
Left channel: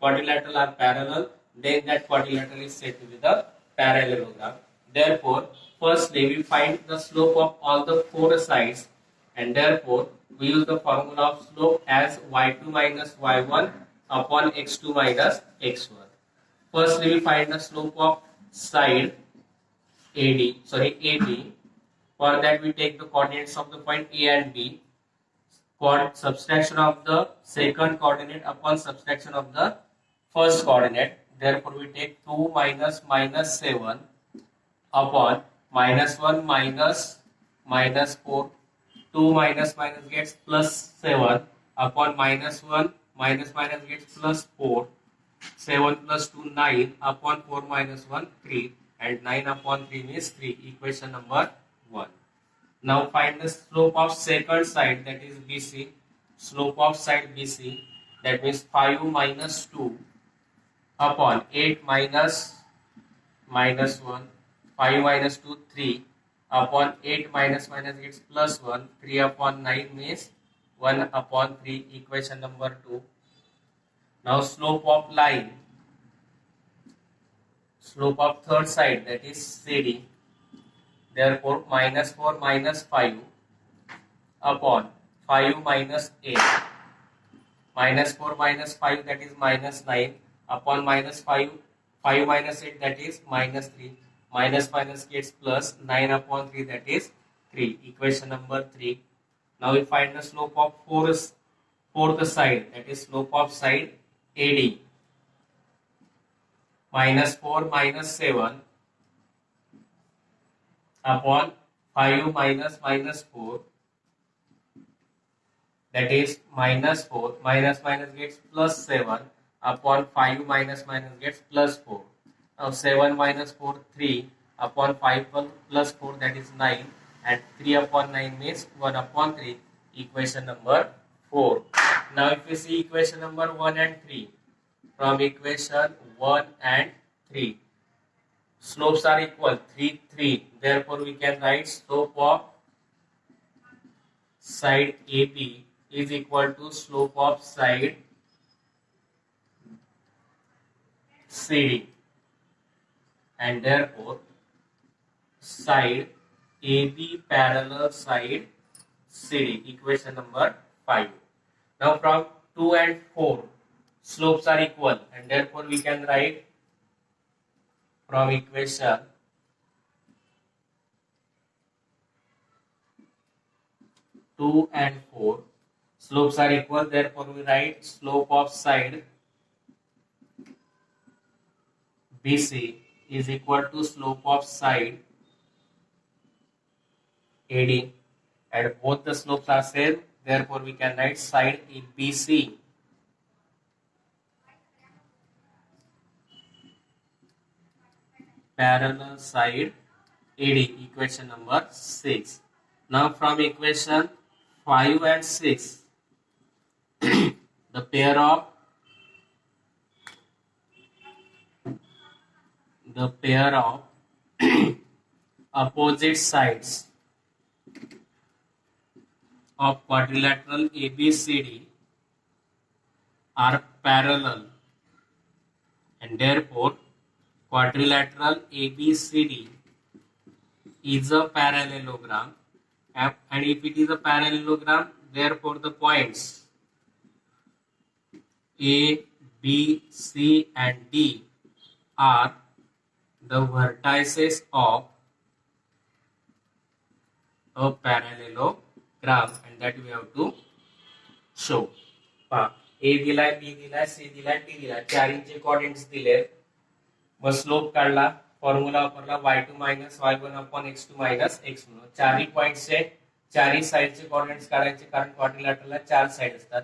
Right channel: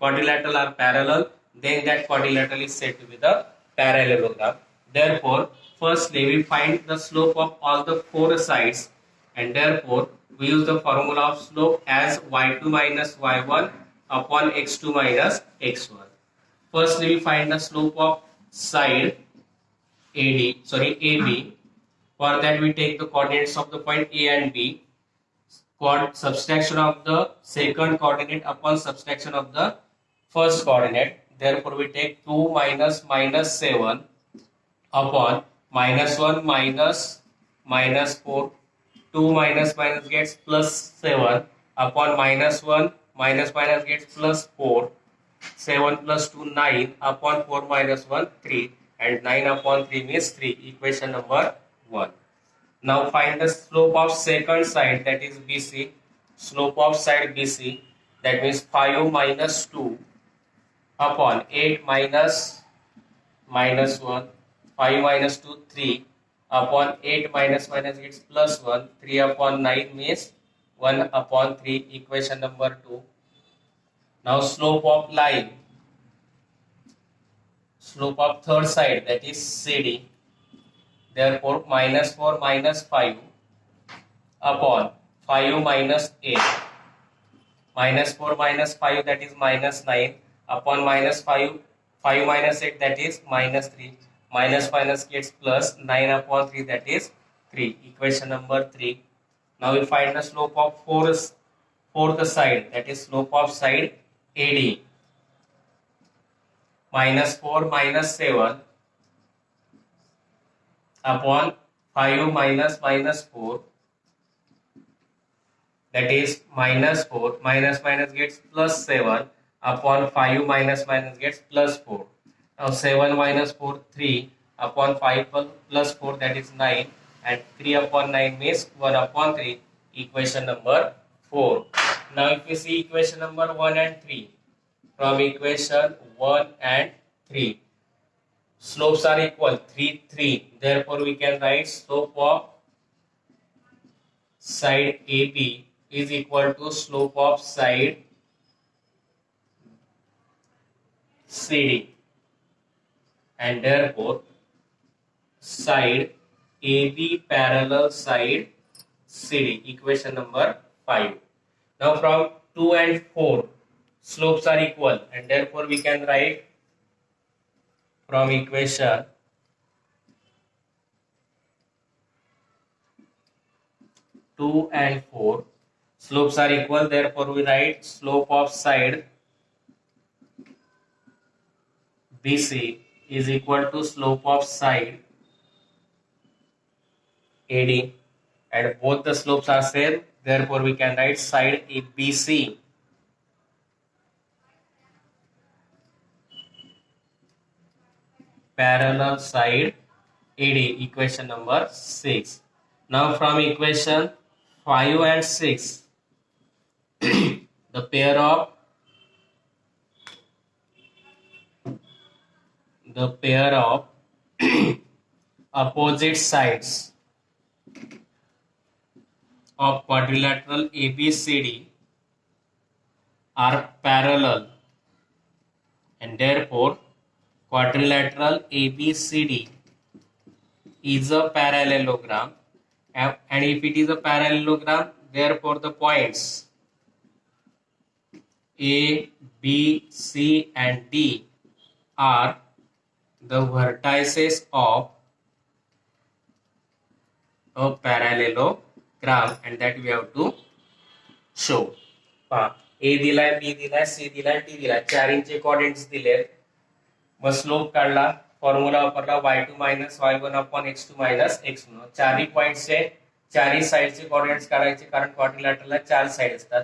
quadrilateral are parallel, then that quadrilateral is said to be the parallelogram. Therefore, firstly we find the slope of all the 4 sides, and therefore we use the formula of slope as y2 minus y1 upon x2 minus x1. Firstly we find the slope of side AB. For that we take the coordinates of the point A and B, subtraction of the second coordinate upon subtraction of the first coordinate. Therefore we take 2 minus minus 7 upon minus 1 minus minus 4. 2 minus minus gets plus 7 upon minus 1 minus minus gets plus 4. 7 plus 2 9 upon 4 minus 1 3, and 9 upon 3 means 3. Equation number 1. Now find the slope of second side, that is BC. Slope of side BC, that means 5 minus 2 upon 8 minus minus 1, 5 minus 2 3 upon 8 minus minus gets plus 1, 3 upon 9 means 1 upon 3. Equation number 2. Now slope of line, slope of third side, that is CD. Therefore minus 4 minus 5 upon 5 minus 8, minus 4 minus 5, that is minus 9 upon minus 5 minus 8, that is minus 3, minus minus gets plus 9 upon 3, that is 3. Equation number 3. Now we find the slope of fourth side, that is slope of side AD. Minus 4 minus 7 upon 5 minus minus 4, that is minus 4, minus minus gets plus 7 upon 5 minus minus gets plus 4. Now 7 minus 4 3 upon 5 plus 4, that is 9, and 3 upon 9 means 1 upon 3. Equation number 4. Now if we see equation number 1 and 3, from equation 1 and 3. Slopes are equal 3, 3. Therefore, we can write slope of side AB is equal to slope of side CD, and therefore side AB parallel side CD, equation number 5. Now from 2 and 4 slopes are equal, and therefore we can write from equation 2 and 4 slopes are equal, therefore we write slope of side BC is equal to slope of side AD, and both the slopes are same, therefore we can write side ABC parallel side AD, equation number 6. Now from equation 5 and 6 the pair of opposite sides of quadrilateral ABCD are parallel, and therefore quadrilateral ABCD is a parallelogram, and if it is a parallelogram, therefore the points A, B, C and D are the vertices of a parallelogram, and that we have to show. A दिलाय, B दिलाय, C दिलाय, D दिलाय, चारींचे coordinates दिले, मग slope काढला, formula वापरला y2 minus y1 upon x2 minus x1. चारही पॉइंट्सचे चारही साइडचे coordinates काढायचे, कारण क्वाड्रिलॅटरलला चार साइड असतात.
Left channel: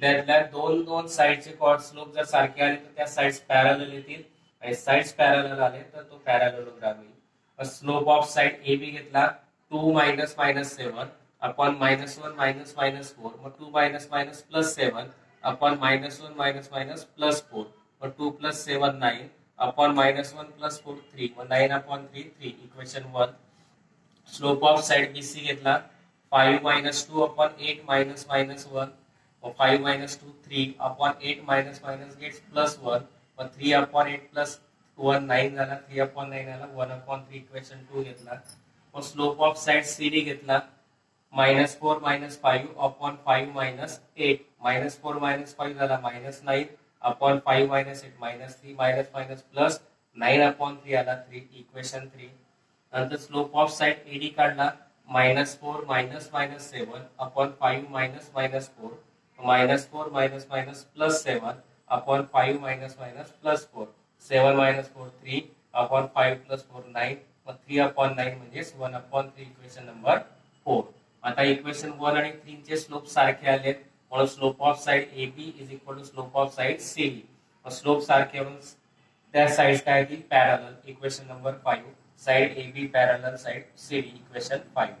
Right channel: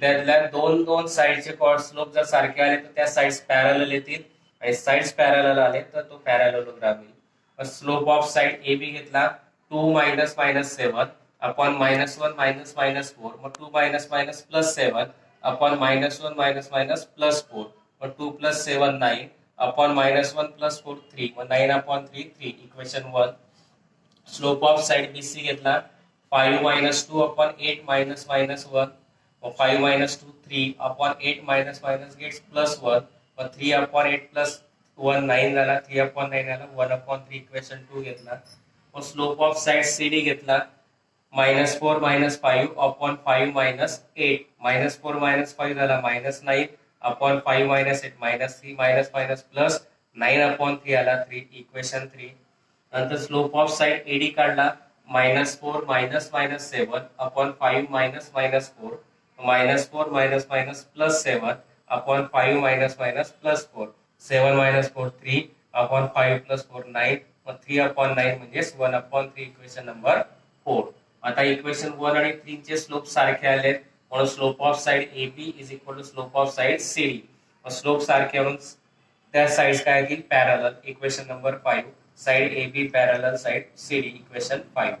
त्यातल्या दोन साइडचे स्लोप जर सारखे आले तर त्या साइड्स पॅरलल येतील, आणि साइड्स पॅरलल आले तर तो पॅरॅलोग्राम येईल. Slope of side A B घेतला 2 minus minus 7 upon minus 1 minus minus 4, मग 2 minus minus plus 7 upon minus 1 minus minus plus 4, मग 2 प्लस 7 9 अपॉन मायनस 1 प्लस 4 3, मग 9 upon 3 3, equation 1. Slope of side BC घेतला 5 minus 2 upon 8 minus minus 1, मग 5 minus 2 3 upon 8 minus minus gets plus 1, मग 3 upon 8 plus 1 9 झाला, 3 upon 9 आला 1 upon 3, equation 2 घेतला. मग slope of side CD घेतला minus 4 minus 5 upon 5 minus 8, minus 4 minus 5 झाला minus 9 upon 5 minus 8 minus 3 minus minus plus 9 upon 3 आला 3, equation 3. नंतर slope of side AD काढला minus 4 minus minus 7 upon 5 minus minus 4, minus 4 minus minus plus 7 upon 5 minus minus plus 4, 7 minus 4 3 upon 5 plus 4 9, मग 3 upon 9 म्हणजे 1 upon 3, equation number 4. आता equation 1 आणि 3 चे slope सारखे आले, म्हणून slope of side AB is equal to slope of side CD. Slope सारखे म्हणून त्या साइड्स काय होतील parallel, equation number 5. Side AB parallel side CD, equation 5.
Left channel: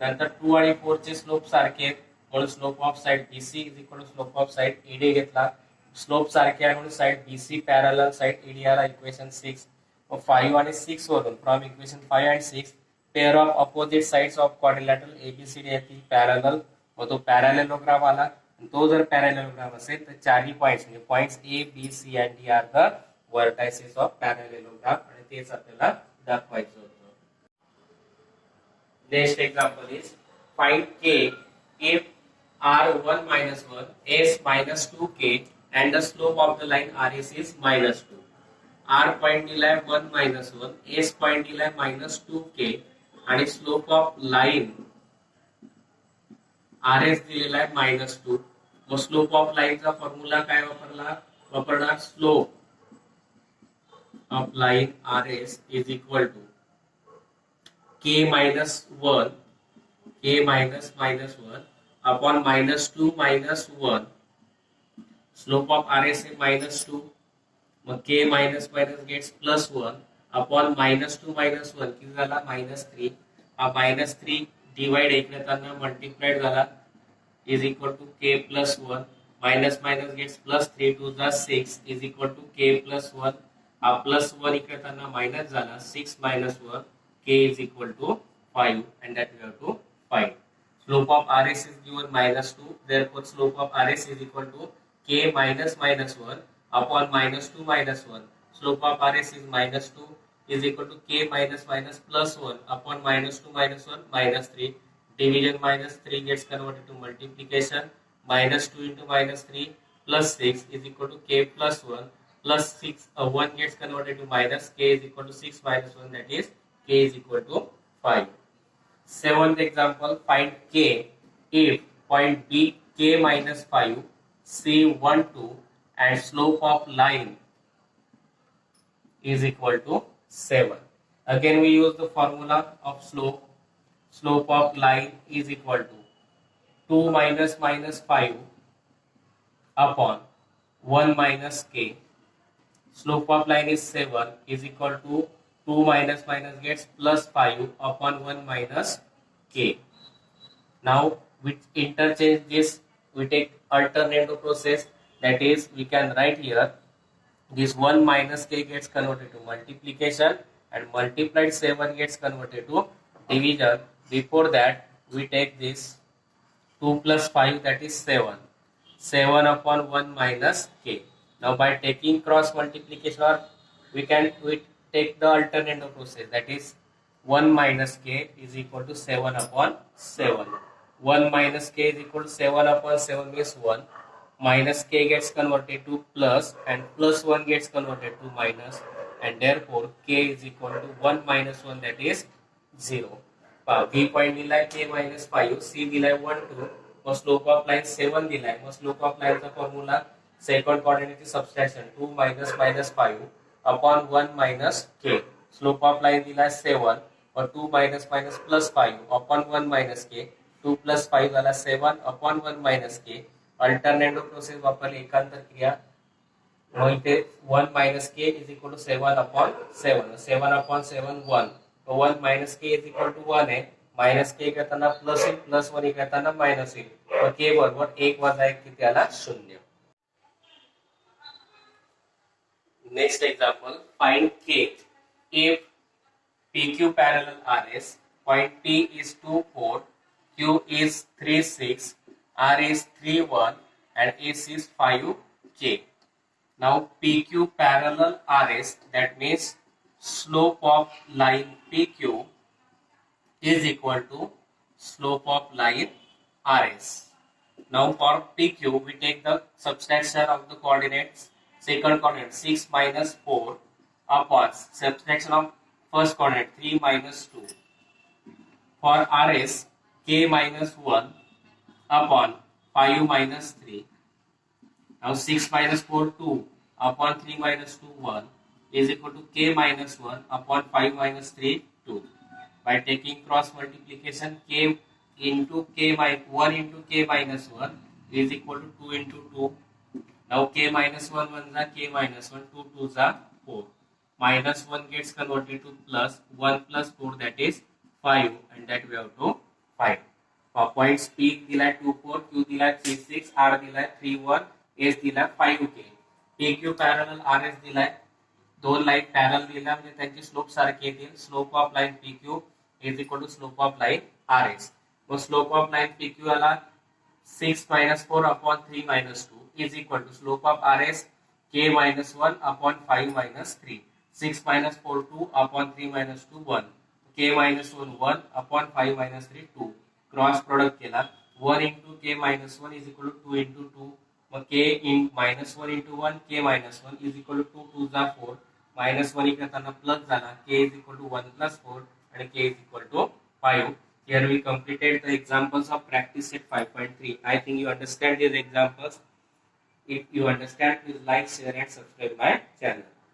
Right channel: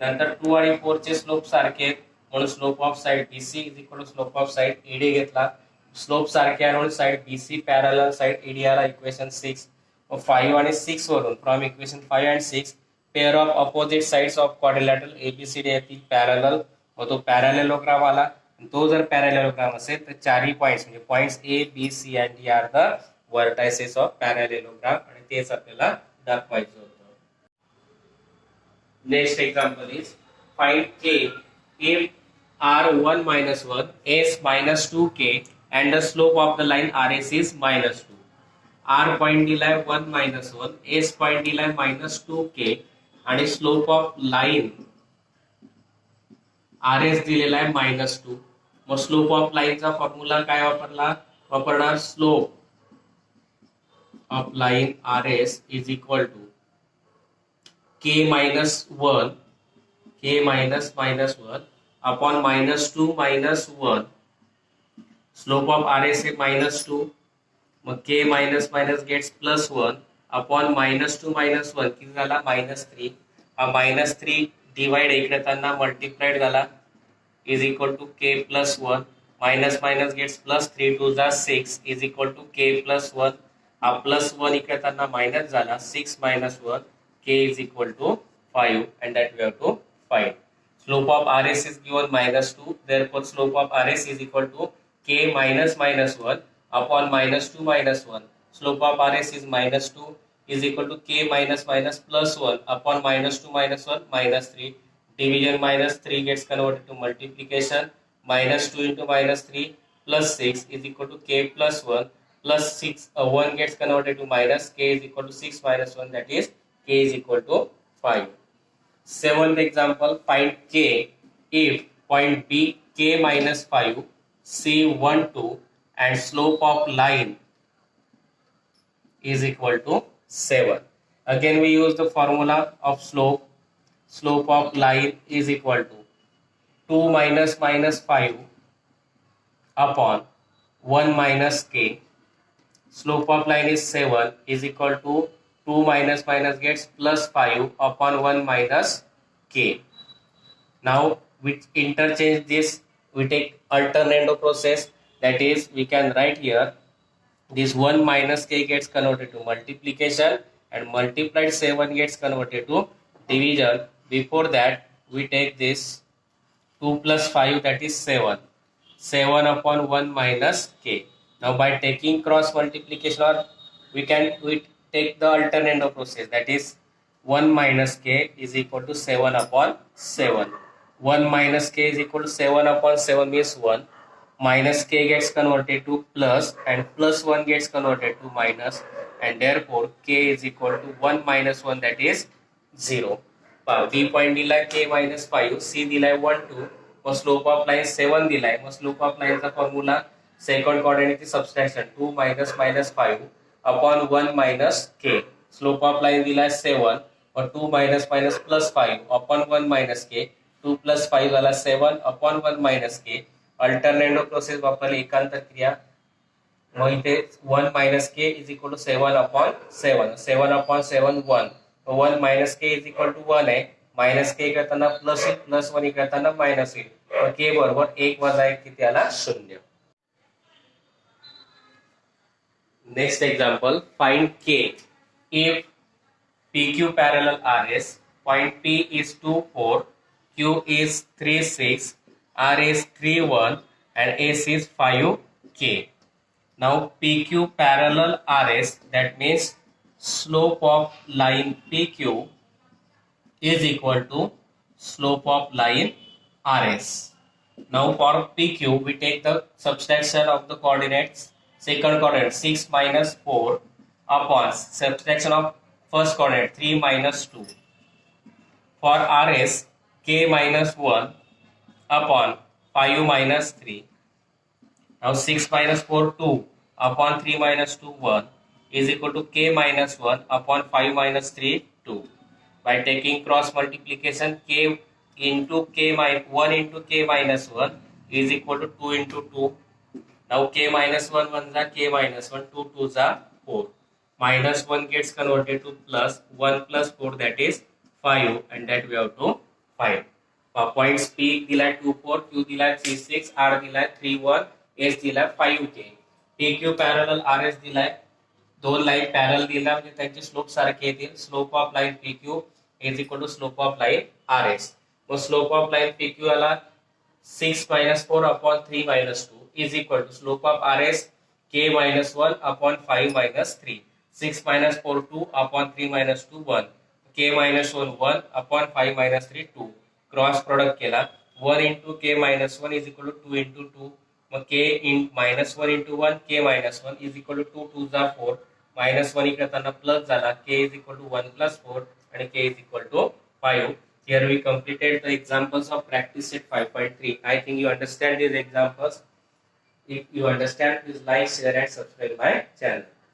नंतर 2 आणि 4 चे स्लोप सारखे, म्हणून slope of side BC is equal to slope of side AD घेतला. स्लोप सारखे आहे म्हणून side BC parallel side AD आला, इक्वेशन 6. 5 आणि 6 वरून from equation 5 and 6 pair of opposite sides of quadrilateral ABCD येतील पॅरलल, मग तो पॅरॅलेलोग्राम आला. तो जर पॅरॅलेलोग्राम असेल तर चारही पॉइंट्स म्हणजे points A, B, C and D are the vertices of parallelogram, आणि तेच आपल्याला दाखवायचं होतं. Next example is find K if R1 minus 1, S minus 2K and the slope of the line RS is minus 2. R point दिलाय 1 मायनस 1, S point दिलाय minus 2K आणि slope of line RS दिलेला आहे मायनस 2. मग slope of लाईनचा formula काय वापरणार slope of line RS is equal to K minus 1 K minus minus 1 upon minus 2 minus 1. Slope of RS है मायनस 2, मग K minus minus gets plus 1 upon minus 2 minus 1 किती झाला minus 3. हा minus 3 divide इकडे त्यांना multiplied झाला is equal to K plus 1, minus minus gets plus 3 2 जा 6 is equal to K plus 1. हा +1 इकडे येताना मायनस झाला 6 - 1 k is equal to 5 and that we have to find. Slope of RS is given -2, therefore slope of RS is equal to k minus -1 upon -2 - 1. Slope of RS is -2 is equal to k minus +1 upon -2 - 1 -3. Division -3 gets converted to multiplication. -2 into -3 plus 6 is equal to k plus 1 plus 6. 1 gets converted to minus, k is equal to 6 minus 1, that is k is equal to 5. Seventh example, find k if point B k minus 5, C 1 2 and slope of line is equal to 7. Again we use the formula of slope. Slope of line is equal to 2 minus 5 upon 1 minus k. Slope of line is 7 is equal to 2 minus gets plus 5 upon 1 minus k. Now we interchange this, we take alternate process, that is we can write here this 1 minus k gets converted to multiplication and multiplied 7 gets converted to division. Before that we take this 2 plus 5, that is 7. 7 upon 1 minus k. Now by taking cross multiplication, or we take the alternate process, that is 1 minus k is equal to 7 upon 7. 1 minus k is equal to 7 upon 7 means 1. Minus k gets converted to plus and plus 1 gets converted to minus, and therefore k is equal to 1 minus 1, that is 0. B point दिलाय k minus 5, C दिलाय 1 2, मग slope of line 7 दिलाय. मग slope of लाइनचा formula second कोऑर्डिनेटची subtraction 2 minus 5 upon 1 minus k. Slope of line दिलाय 7 और 2 minus plus 5 upon 1 minus k. 2 plus 5 झाला 7 upon 1 minus k. Alternative process वापरली एकांतर क्रिया. मग इथे 1 minus k is equal to 7 upon 7. 7 upon 7 1. 1 minus k is equal to 1 आहे. Minus K करताना plus येईल, plus 1 करताना मायनस येईल. तर के बरोबर 1 वजा 1 किती आला 0. नेक्स्ट एक्झाम्पल, फाइंड के if PQ parallel RS, point P is 2 4, Q is 3 6, R is 3 1 and S is 5 K. Now PQ parallel RS, that means slope of line PQ is equal to slope of line RS. Now for PQ we take the subtraction of the coordinates. Second coordinate 6 minus 4 upon subtraction of first coordinate 3 minus 2. For RS k minus 1 upon 5 minus 3. Now 6 minus 4 2 upon 3 minus 2 1 is equal to k minus 1 upon 5 minus 3 2. By taking cross multiplication, k into k minus 1 into k minus 1 is equal to 2 into 2. Now k minus 1 1 is k minus 1, 2 2 is 4. Minus 1 gets converted to plus, 1 plus 4, that is 5, and that we have to find. Points P दिलाय 2 4, Q दिलाय 3 6, R दिलाय 3 1, S दिलाय 5 K. PQ parallel RS दिलाय, दोन line parallel दिला म्हणजे त्यांची slope सारखे येतील. Slope of line PQ is equal to slope of line RS. मग स्लोप ऑफ लाइन PQ आला 6 minus 4 upon 3 minus 2 is equal to slope of RS k minus 1 upon 5 minus 3. 6 minus 4 2 upon 3 minus 2 1. K minus 1 1 upon 5 minus 3 2. Cross product केला 1 into k minus 1 is equal to 2 into 2. मग k in minus 1 into 1 k minus 1 is equal to 2 2 is 4. minus 1 इकडे plus झाला, k is equal to 1 plus 4 and k is equal to 5. Here we completed the examples of practice set 5.3. I think you understand these examples. If you understand, please like, share and subscribe my channel.